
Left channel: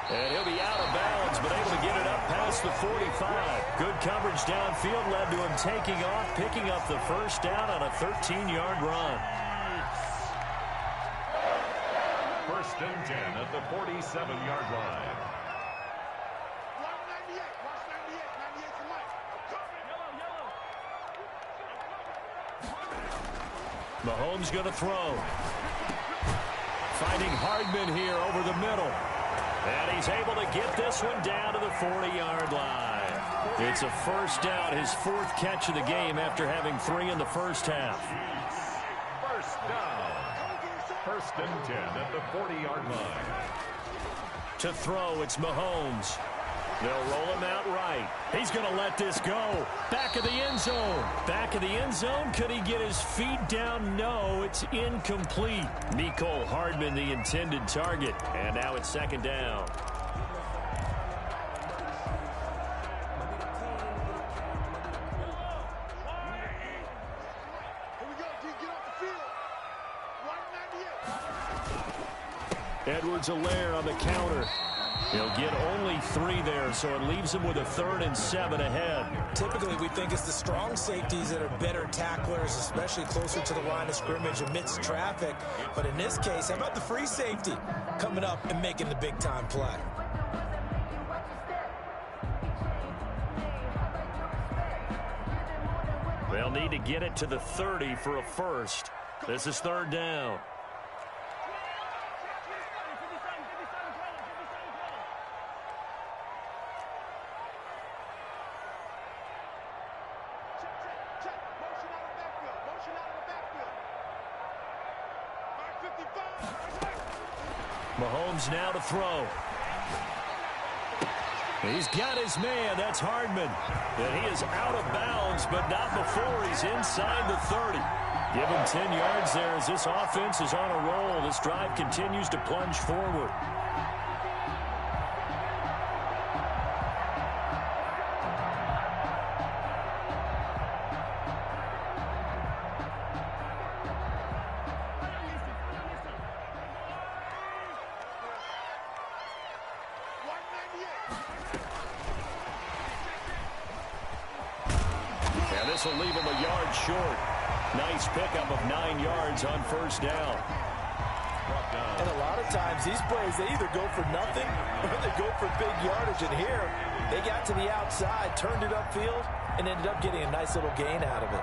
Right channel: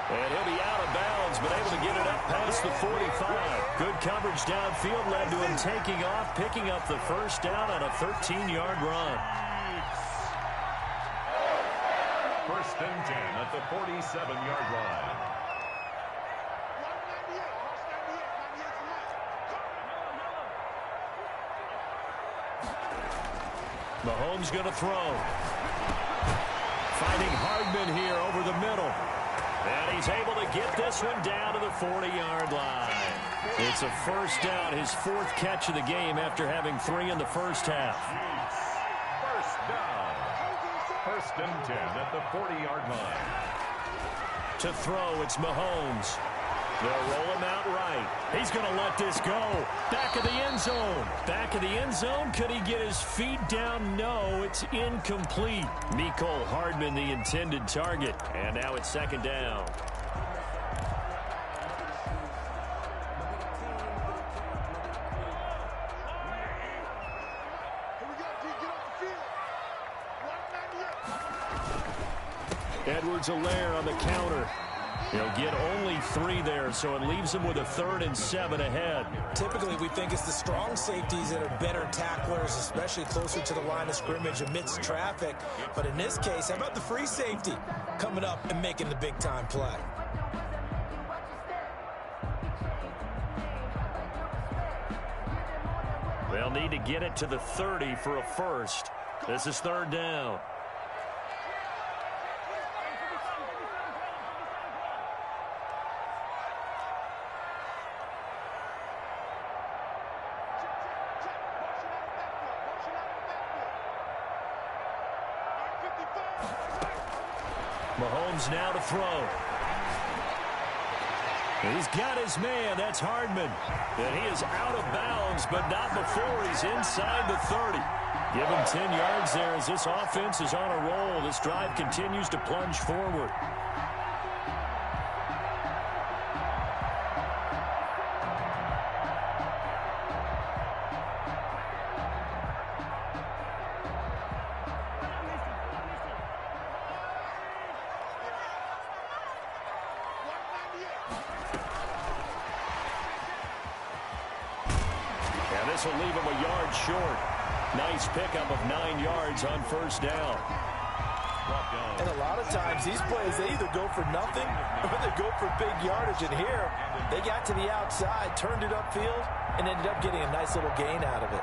And he'll be out of bounds, but able to get it up past the 45. Good coverage downfield led to him taking off, picking up the first down on a 13-yard run. 1st and 10 at the 47-yard line. Mahomes going to throw. Finding Hardman here over the middle. And he's able to get this one down to the 40-yard line. It's a first down, his 4th catch of the game after having 3 in the first half. First down. 1st and 10 at the 40-yard line. To throw, it's Mahomes. They'll roll him out right. He's going to let this go. Back of the end zone. Back of the end zone. Could he get his feet down? No, it's incomplete. Mecole Hardman, the intended target. And now it's 2nd down. Edwards-Helaire on the counter. He'll get only 3 there, so it leaves him with a 3rd and 7 ahead. Typically, we think it's the strong safeties that are better tacklers, especially closer to the line of scrimmage amidst traffic. But in this case, how about the free safety coming up and making the big-time play? They'll need to get it to the 30 for a first. This is 3rd down. Mahomes now to throw. He's got his man. That's Hardman. And he is out of bounds, but not before he's inside the 30. Give him 10 yards there as this offense is on a roll. This drive continues to plunge forward. And this will leave him a yard short. Nice pickup of 9 yards on first down. And a lot of times these plays, they either go for nothing or they go for big yardage. And here, they got to the outside, turned it upfield, and ended up getting a nice little gain out of it.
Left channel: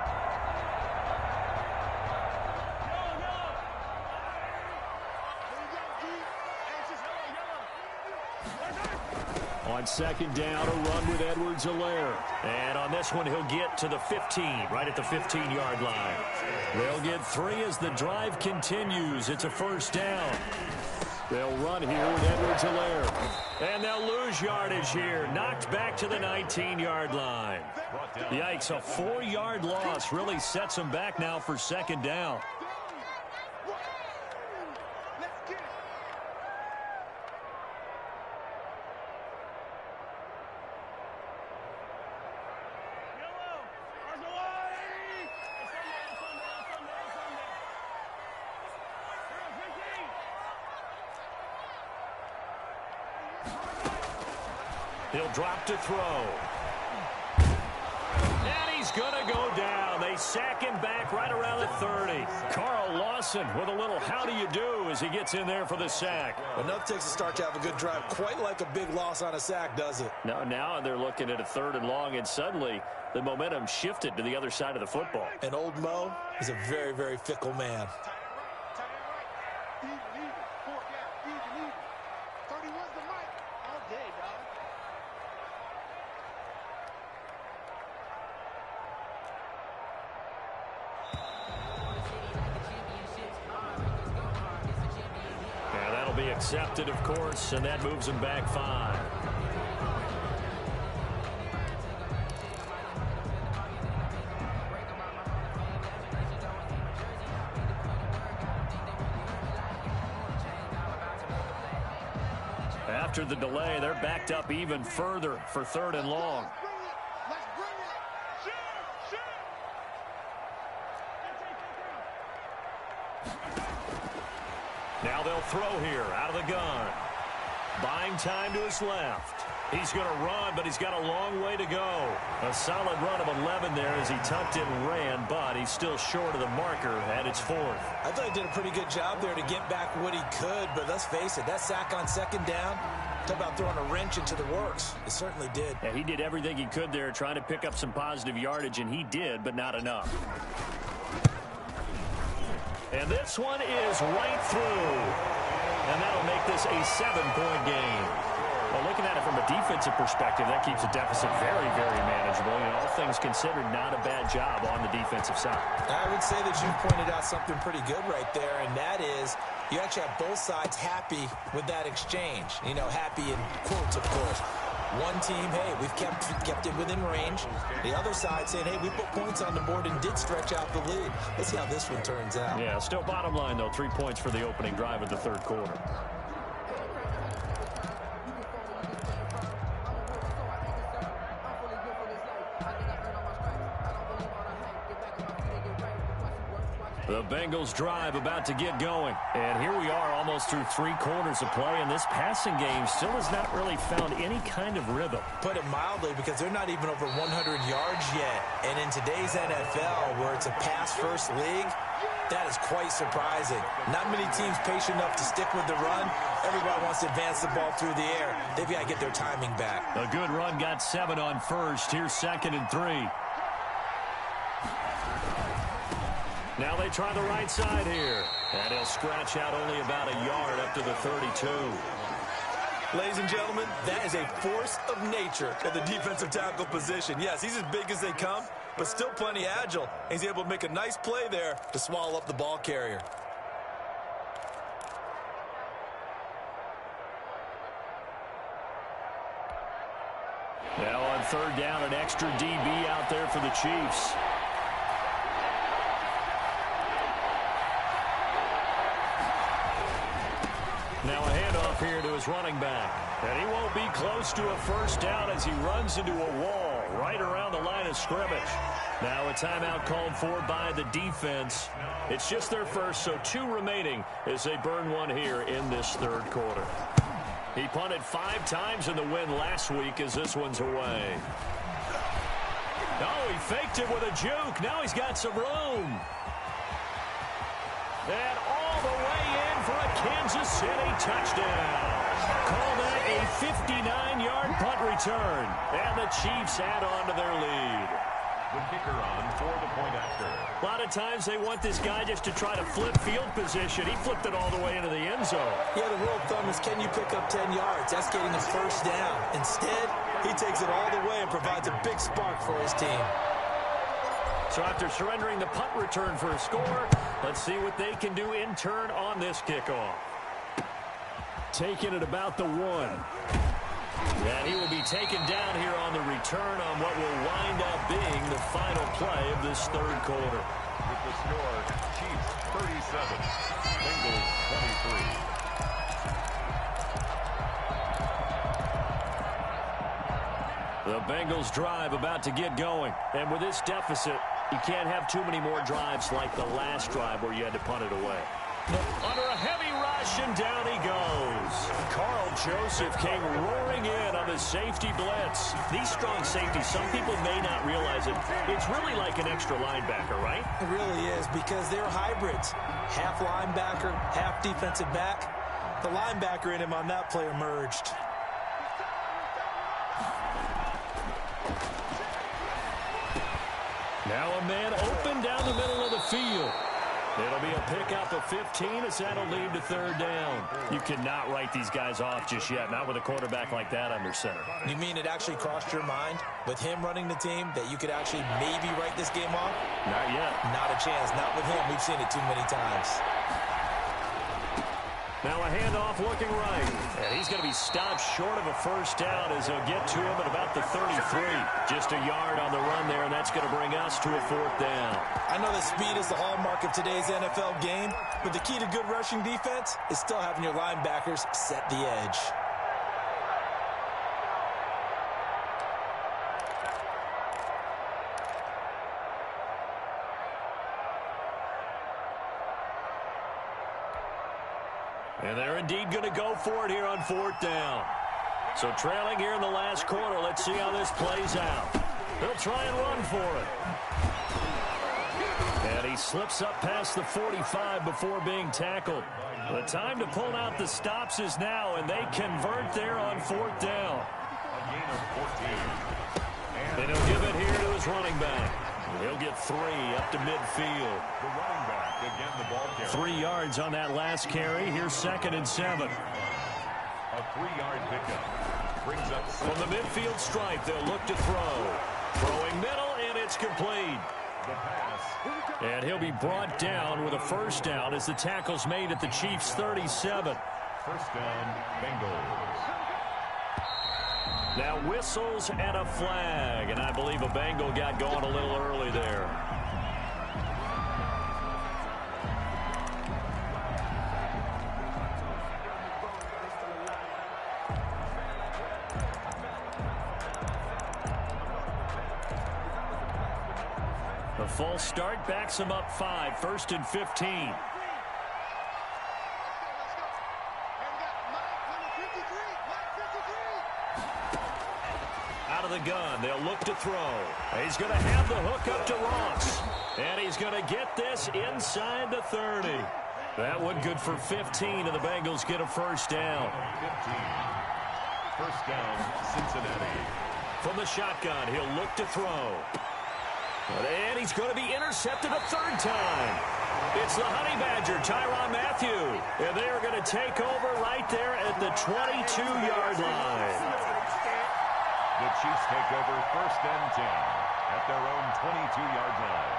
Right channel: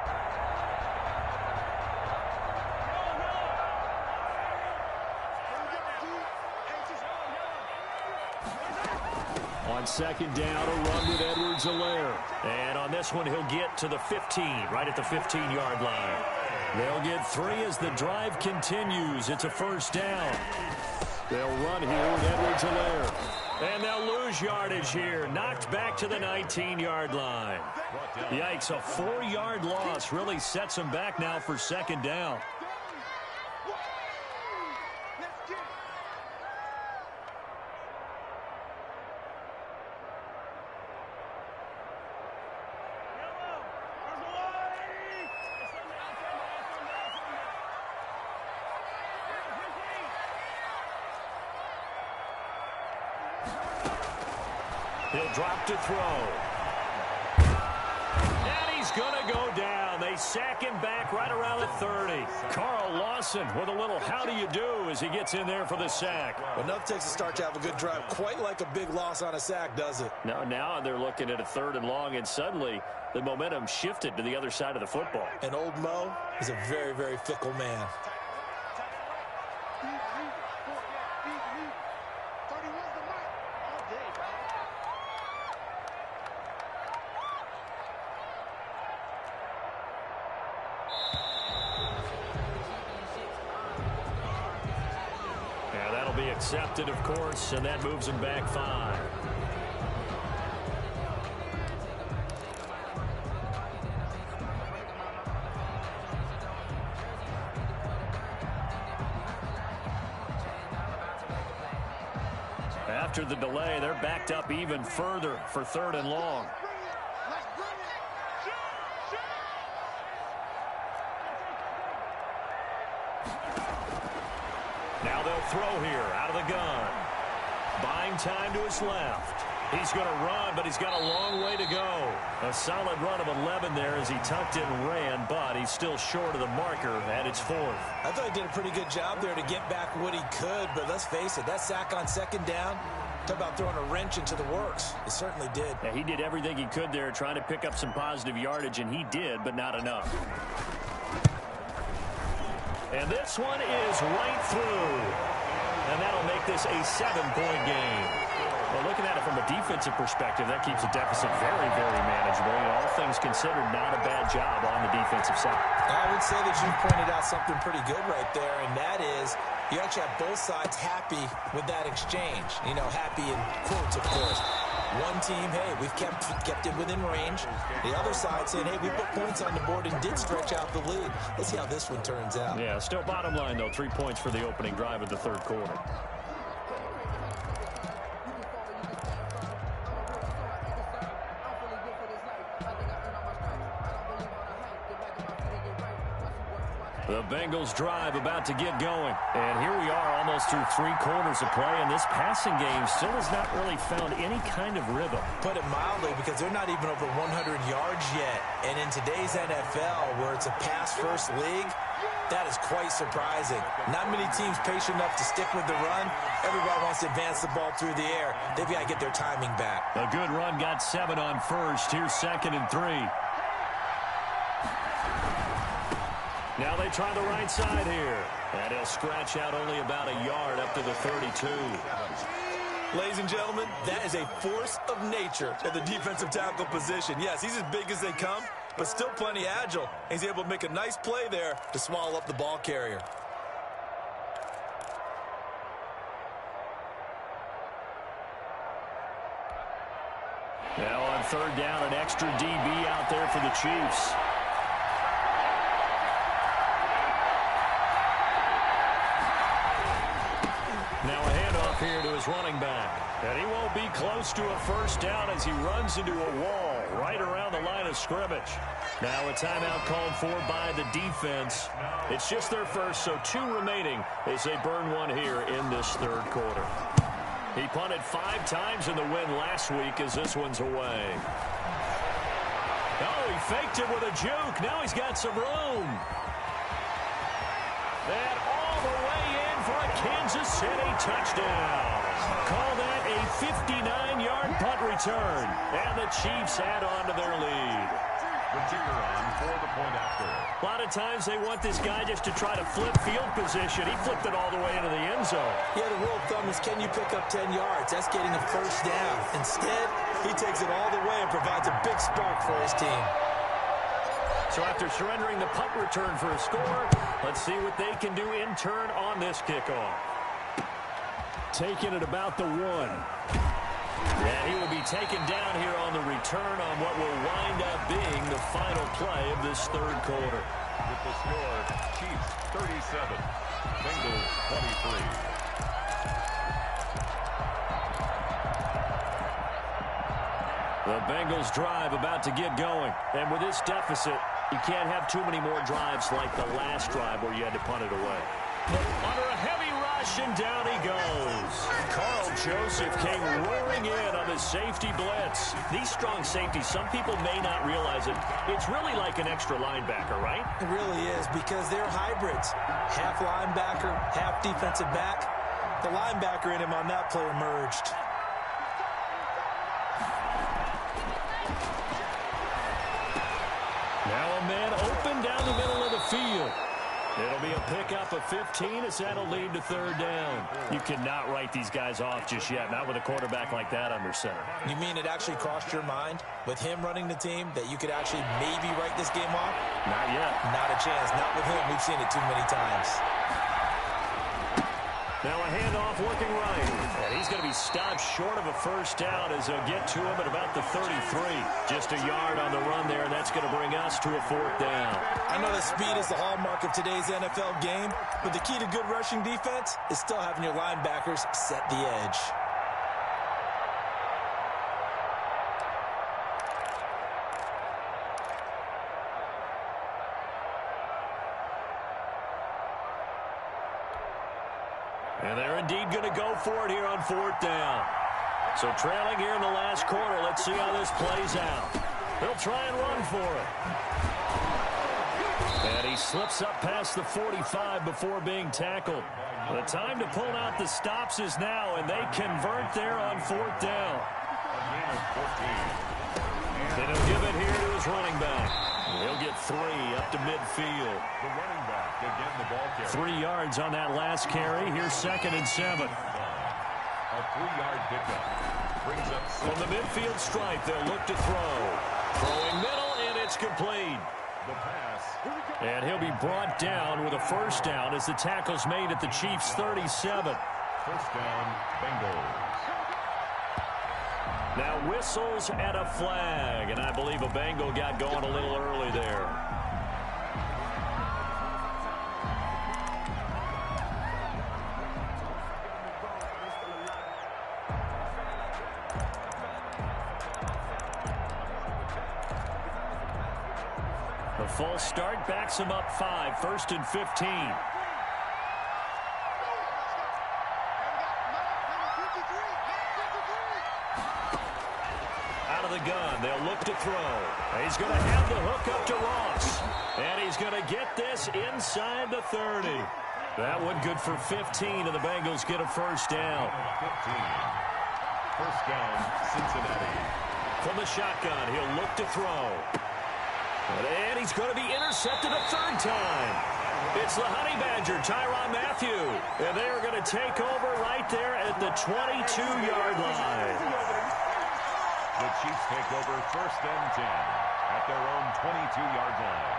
On second down, a run with Edwards-Helaire. And on this one, he'll get to the 15, right at the 15-yard line. They'll get 3 as the drive continues. It's a first down. They'll run here with Edwards-Helaire. And they'll lose yardage here. Knocked back to the 19-yard line. Yikes, a 4-yard loss really sets them back now for second down. He'll drop to throw. And he's going to go down. They sack him back right around the 30. Carl Lawson with a little how do you do as he gets in there for the sack. Well, nothing takes a start to have a good drive. Quite like a big loss on a sack, does it? Now they're looking at a 3rd and long, and suddenly the momentum shifted to the other side of the football. And old Mo is a very, very fickle man. Be accepted, of course, and that moves him back 5. After the delay, they're backed up even further for 3rd and long. Now they'll throw here out of the gun. Buying time to his left. He's going to run, but he's got a long way to go. A solid run of 11 there as he tucked it and ran, but he's still short of the marker at its 4th. I thought he did a pretty good job there to get back what he could, but let's face it, that sack on second down, talk about throwing a wrench into the works. It certainly did. Yeah, he did everything he could there trying to pick up some positive yardage, and he did, but not enough. And this one is right through. And that'll make this a 7-point game. Well, looking at it from a defensive perspective, that keeps the deficit very, very manageable. You know, all things considered, not a bad job on the defensive side. I would say that you've pointed out something pretty good right there, and that is you actually have both sides happy with that exchange. You know, happy in quotes, of course. One team, hey, we've kept it within range. The other side saying, hey, we put points on the board and did stretch out the lead. Let's see how this one turns out. Yeah, still bottom line, though, 3 points for the opening drive of the 3rd quarter. The Bengals drive about to get going. And here we are almost through 3 quarters of play, and this passing game still has not really found any kind of rhythm. Put it mildly, because they're not even over 100 yards yet. And in today's NFL, where it's a pass-first league, that is quite surprising. Not many teams patient enough to stick with the run. Everybody wants to advance the ball through the air. They've got to get their timing back. A good run got 7 on first. Here's 2nd and 3. Now they try the right side here. And he'll scratch out only about a yard up to the 32. Ladies and gentlemen, that is a force of nature at the defensive tackle position. Yes, he's as big as they come, but still plenty agile. He's able to make a nice play there to swallow up the ball carrier. Now on 3rd down, an extra DB out there for the Chiefs. Now a handoff here to his running back. And he won't be close to a first down as he runs into a wall right around the line of scrimmage. Now a timeout called for by the defense. It's just their first, so 2 remaining as they burn one here in this 3rd quarter. He punted 5 times in the win last week as this one's away. Oh, he faked it with a juke. Now he's got some room. And all the way in for a Kansas City touchdown. Call that a 59-yard punt return. And the Chiefs add on to their lead. The kicker on for the point after. A lot of times they want this guy just to try to flip field position. He flipped it all the way into the end zone. Yeah, the rule of thumb is, can you pick up 10 yards? That's getting a first down. Instead, he takes it all the way and provides a big spark for his team. So after surrendering the punt return for a score, let's see what they can do in turn on this kickoff. Taking it about the 1. And he will be taken down here on the return on what will wind up being the final play of this third quarter. With the score, Chiefs 37, Bengals 23. The Bengals drive about to get going. And with this deficit, you can't have too many more drives like the last drive where you had to punt it away. Under a heavy rush, and down he goes. Carl Joseph came roaring in on the safety blitz. These strong safeties, some people may not realize it. It's really like an extra linebacker, right? It really is, because they're hybrids. Half linebacker, half defensive back. The linebacker in him on that play emerged. Now a man open down the middle of the field. It'll be a pickup of 15 as that'll lead to third down. You cannot write these guys off just yet, not with a quarterback like that under center. You mean it actually crossed your mind with him running the team that you could actually maybe write this game off? Not yet. Not a chance. Not with him. We've seen it too many times. Now a handoff looking right. And he's going to be stopped short of a first down as they'll get to him at about the 33. Just a yard on the run there, and that's going to bring us to a fourth down. I know that speed is the hallmark of today's NFL game, but the key to good rushing defense is still having your linebackers set the edge. And they're indeed going to go for it here on fourth down. So trailing here in the last quarter, let's see how this plays out. They'll try and run for it. And he slips up past the 45 before being tackled. The time to pull out the stops is now, and they convert there on fourth down. A gain of 14. And he'll give it here to his running back. He'll get 3 up to midfield. The running back, again the ball carrier. 3 yards on that last carry. Here's 2nd and 7. A 3-yard pickup. Brings up From the midfield stripe, they'll look to throw. Throwing middle, and it's complete. the pass. And he'll be brought down with a first down as the tackle's made at the Chiefs' 37. First down, Bengals. Now whistles and a flag, and I believe a Bengal got going a little early there. The false start backs him up 5, 1st and 15. Out of the gun, they'll look to throw. He's going to have the hook up to Ross. And he's going to get this inside the 30. That one good for 15, and the Bengals get a first down. 15. First down, Cincinnati. From the shotgun, he'll look to throw. And he's going to be intercepted a 3rd time. It's the Honey Badger, Tyrann Mathieu. And they are going to take over right there at the 22-yard line. The Chiefs take over 1st and 10 at their own 22-yard line.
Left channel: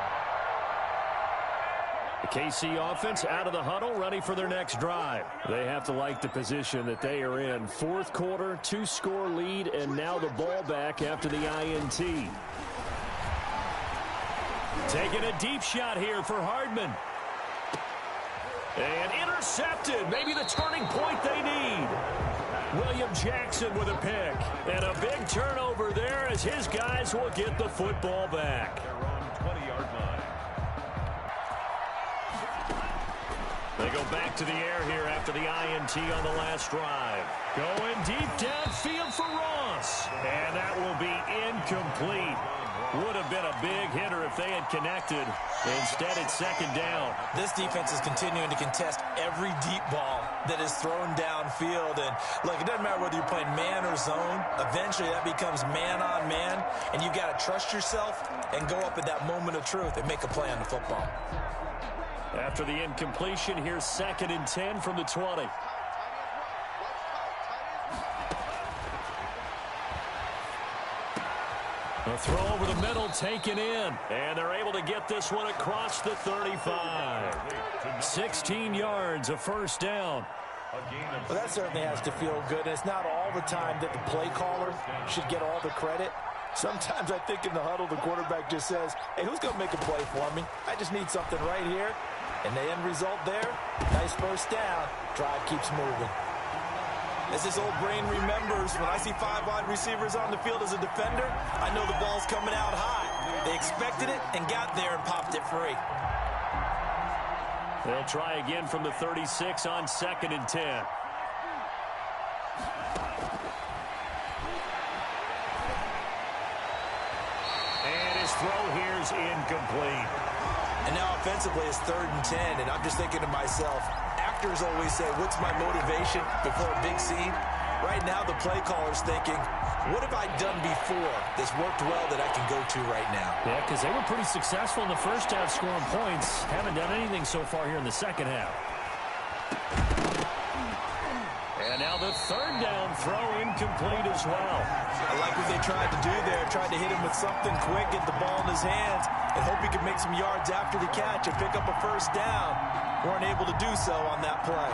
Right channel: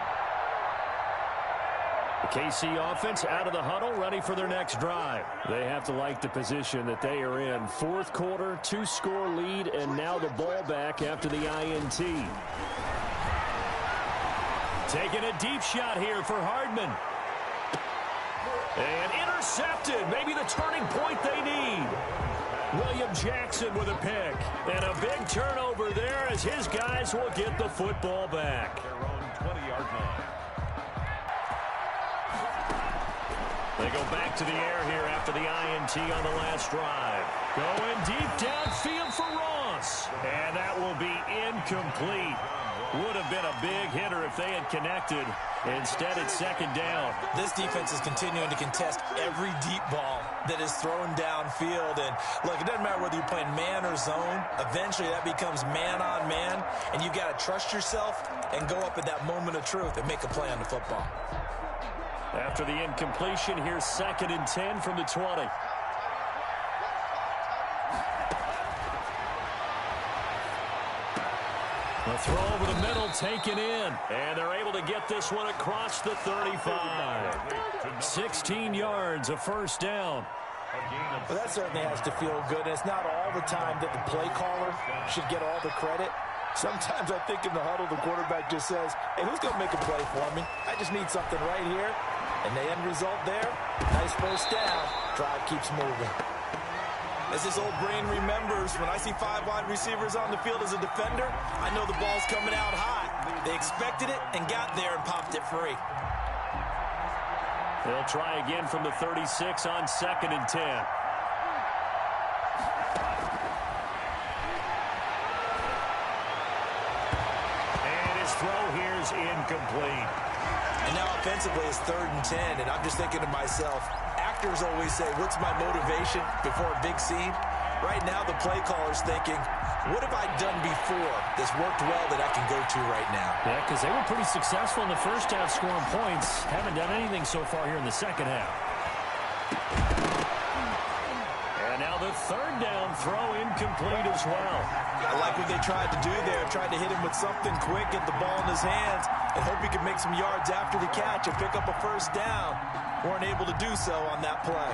The KC offense out of the huddle, ready for their next drive. They have to like the position that they are in. 4th quarter, 2-score lead, and now the ball back after the INT. Taking a deep shot here for Hardman. And intercepted. Maybe the turning point they need. William Jackson with a pick. And a big turnover there as his guys will get the football back. Their own 20-yard line. They go back to the air here after the INT on the last drive. Going deep downfield for Ross. And that will be incomplete. Would have been a big hitter if they had connected. Instead, it's second down. This defense is continuing to contest every deep ball that is thrown downfield. And, look, it doesn't matter whether you're playing man or zone. Eventually, that becomes man-on-man, and you've got to trust yourself and go up at that moment of truth and make a play on the football. After the incompletion, here's 2nd and 10 from the 20. A throw over the middle, taken in. And they're able to get this one across the 35. 16 yards, a first down. Well, that certainly has to feel good. And it's not all the time that the play caller should get all the credit. Sometimes I think in the huddle, the quarterback just says, hey, who's going to make a play for me? I just need something right here. And the end result there, nice first down. Drive keeps moving. As this old brain remembers, when I see 5 wide receivers on the field as a defender, I know the ball's coming out high. They expected it and got there and popped it free. They'll try again from the 36 on 2nd and 10. And his throw here is incomplete. And now offensively it's 3rd and 10, and I'm just thinking to myself, actors always say, what's my motivation before a big scene? Right now the play caller's thinking, what have I done before that's worked well that I can go to right now? Yeah, because they were pretty successful in the first half scoring points. Haven't done anything so far here in the second half. And now the 3rd down throw incomplete as well. I like what they tried to do there. Tried to hit him with something quick, get the ball in his hands, and hope he could make some yards after the catch and pick up a first down. Weren't able to do so on that play.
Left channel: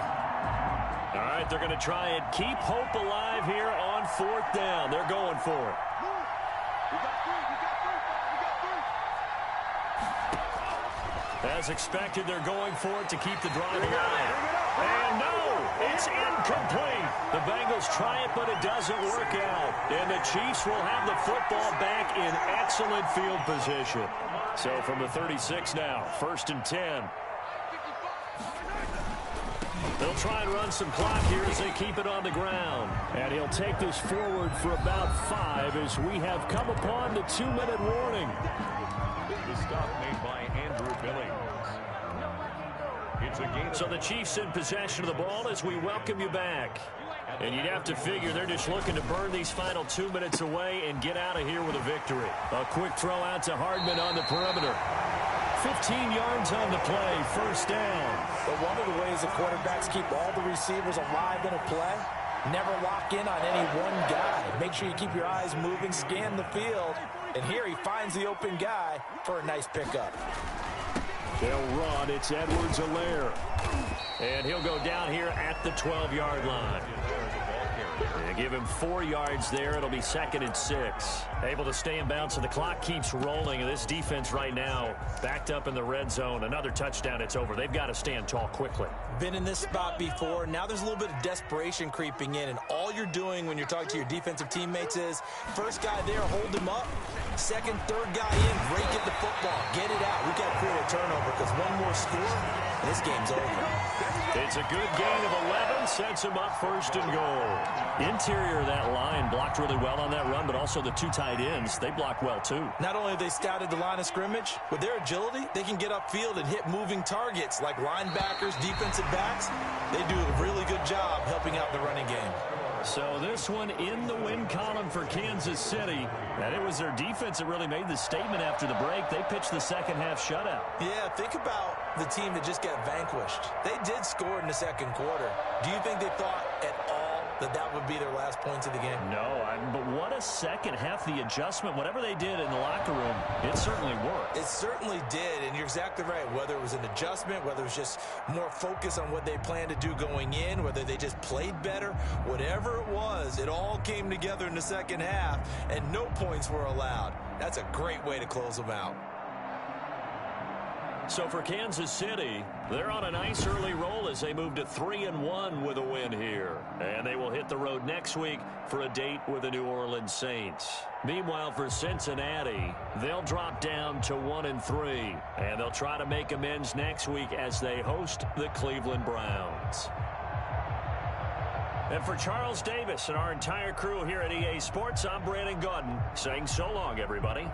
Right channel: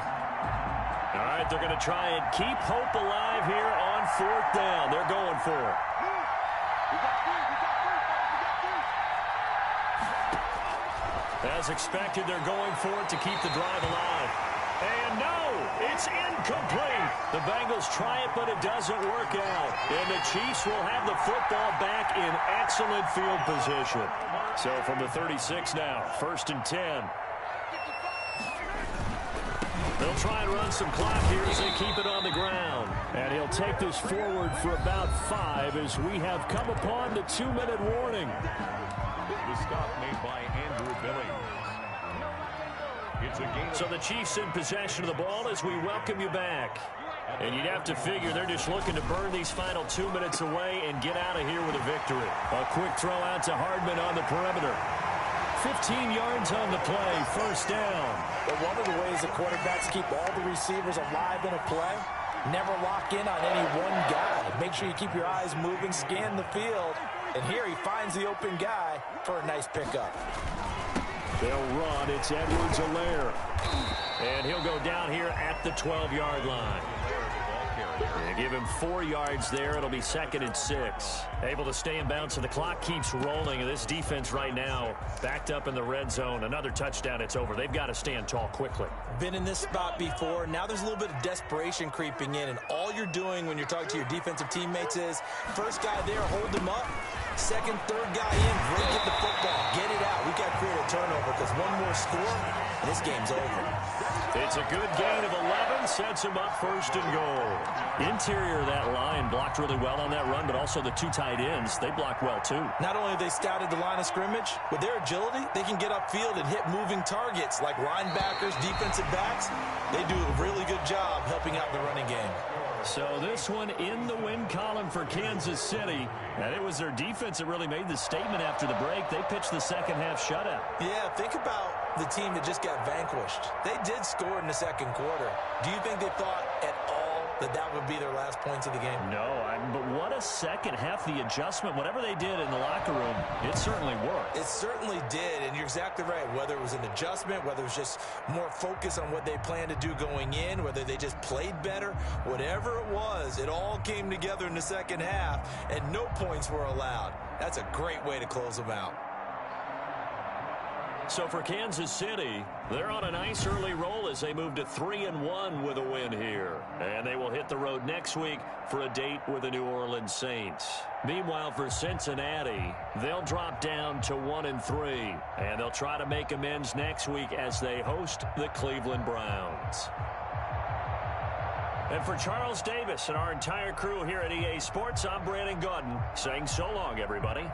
All right, they're going to try and keep hope alive here on 4th down. They're going for it. As expected, they're going for it to keep the drive alive. And no, it's incomplete. The Bengals try it, but it doesn't work out. And the Chiefs will have the football back in excellent field position. So from the 36 now, 1st and 10. They'll try and run some clock here as they keep it on the ground. And he'll take this forward for about 5 as we have come upon the 2-minute warning. The stop made by Andrew Billings. It's a game. So the Chiefs in possession of the ball as we welcome you back. And you'd have to figure they're just looking to burn these final 2 minutes away and get out of here with a victory. A quick throw out to Hardman on the perimeter. 15 yards on the play, first down. But one of the ways the quarterbacks keep all the receivers alive in a play, never lock in on any one guy. Make sure you keep your eyes moving, scan the field. And here he finds the open guy for a nice pickup. They'll run. It's Edwards-Helaire. And he'll go down here at the 12-yard line. They give him 4 yards there. It'll be 2nd and 6. Able to stay in bounds, so the clock keeps rolling. And this defense right now backed up in the red zone. Another touchdown, it's over. They've got to stand tall quickly. Been in this spot before. Now there's a little bit of desperation creeping in. And all you're doing when you're talking to your defensive teammates is, first guy there, hold him up. Second, third guy in, break it the football. Get it out. We've got to create a turnover because one more score, and this game's over. It's a good gain of 11, sets him up 1st and goal. Interior of that line blocked really well on that run, but also the 2 tight ends, they blocked well too. Not only have they scouted the line of scrimmage, with their agility, they can get upfield and hit moving targets like linebackers, defensive backs. They do a really good job helping out the running game. So this one in the win column for Kansas City. And it was their defense that really made the statement after the break. They pitched the second half shutout. Yeah, think about the team that just got vanquished. They did score in the second quarter. Do you think they thought at all that would be their last points of the game? No, but what a second half. The adjustment, whatever they did in the locker room, it certainly worked. It certainly did, and you're exactly right. Whether it was an adjustment, whether it was just more focus on what they planned to do going in, whether they just played better, whatever it was, it all came together in the second half, and no points were allowed. That's a great way to close them out. So for Kansas City, they're on a nice early roll as they move to 3-1 with a win here. And they will hit the road next week for a date with the New Orleans Saints. Meanwhile, for Cincinnati, they'll drop down to 1-3. And they'll try to make amends next week as they host the Cleveland Browns. And for Charles Davis and our entire crew here at EA Sports, I'm Brandon Gaudin saying so long, everybody.